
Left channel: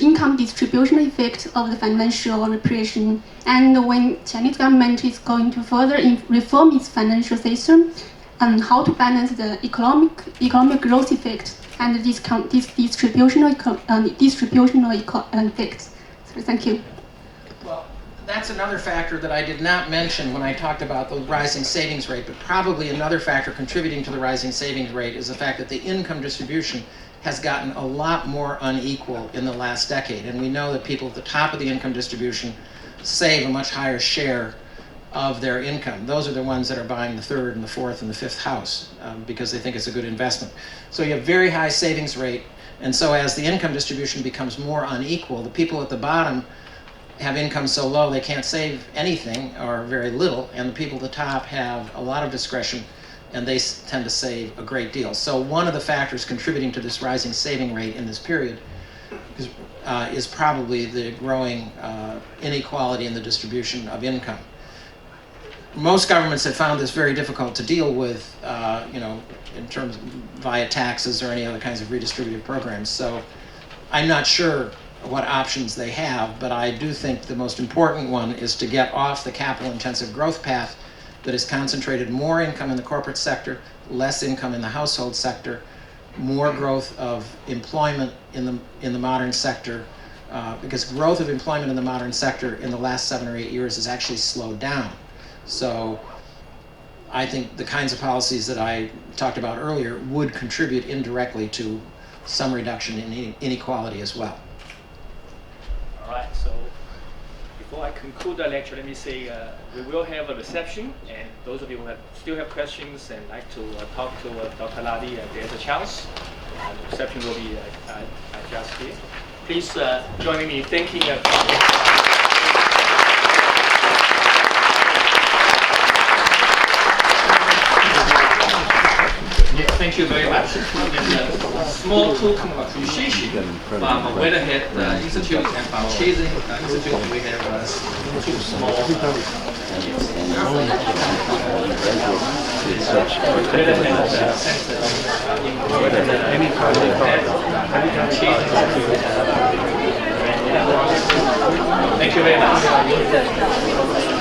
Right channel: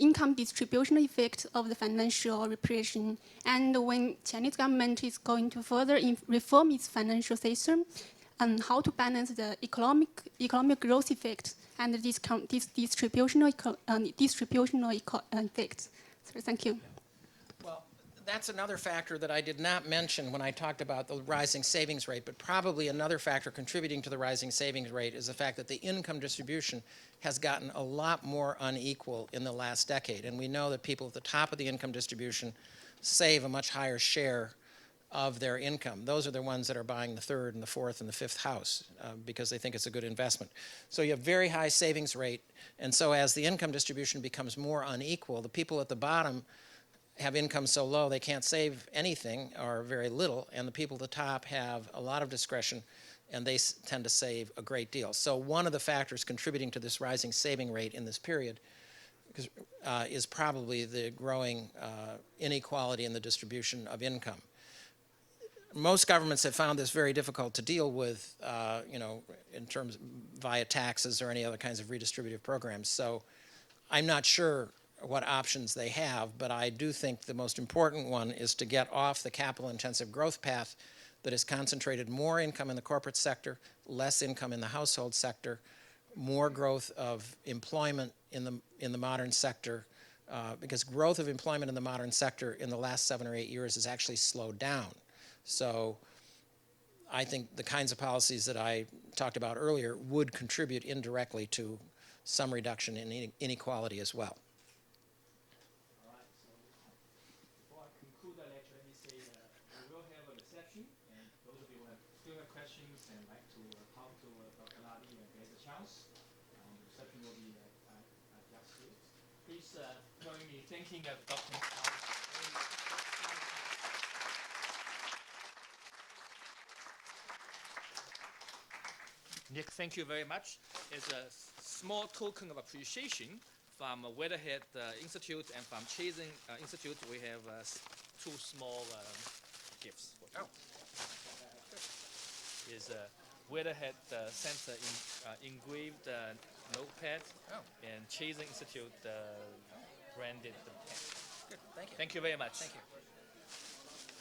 income distribution effect of the financial repression? And when Chinese government is going to further reform its financial system, how to balance the economic growth effect and this distributional effect? So thank you. Well, that's another factor that I did not mention when I talked about the rising savings rate, but probably another factor contributing to the rising savings rate is the fact that the income distribution has gotten a lot more unequal in the last decade. And we know that people at the top of the income distribution save a much higher share of their income. Those are the ones that are buying the third and the fourth and the fifth house because they think it's a good investment. So you have very high savings rate, and so as the income distribution becomes more unequal, the people at the bottom have income so low they can't save anything or very little, and the people at the top have a lot of discretion and they tend to save a great deal. So one of the factors contributing to this rising saving rate in this period is probably the growing inequality in the distribution of income. Most governments have found this very difficult to deal with, in terms of via taxes or any other kinds of redistributive programs. So I'm not sure what options they have, but I do think the most important one is to get off the capital-intensive growth path that has concentrated more income in the corporate sector, less income in the household sector, more growth of employment in the modern sector, because growth of employment in the modern sector in the last 7 or 8 years has actually slowed down. So I think the kinds of policies that I talked about earlier would contribute indirectly to some reduction in inequality as well. All right, so before I conclude the lecture, let me say we will have a reception, and those of you who still have questions and like to talk to Dr. Lardy, there's a chance. The reception will be just here. Please join me in thanking. Thank you very much. And a small token of appreciation from Weatherhead Institute and from Chazen Institute. We have two small Weatherhead Thank you very much.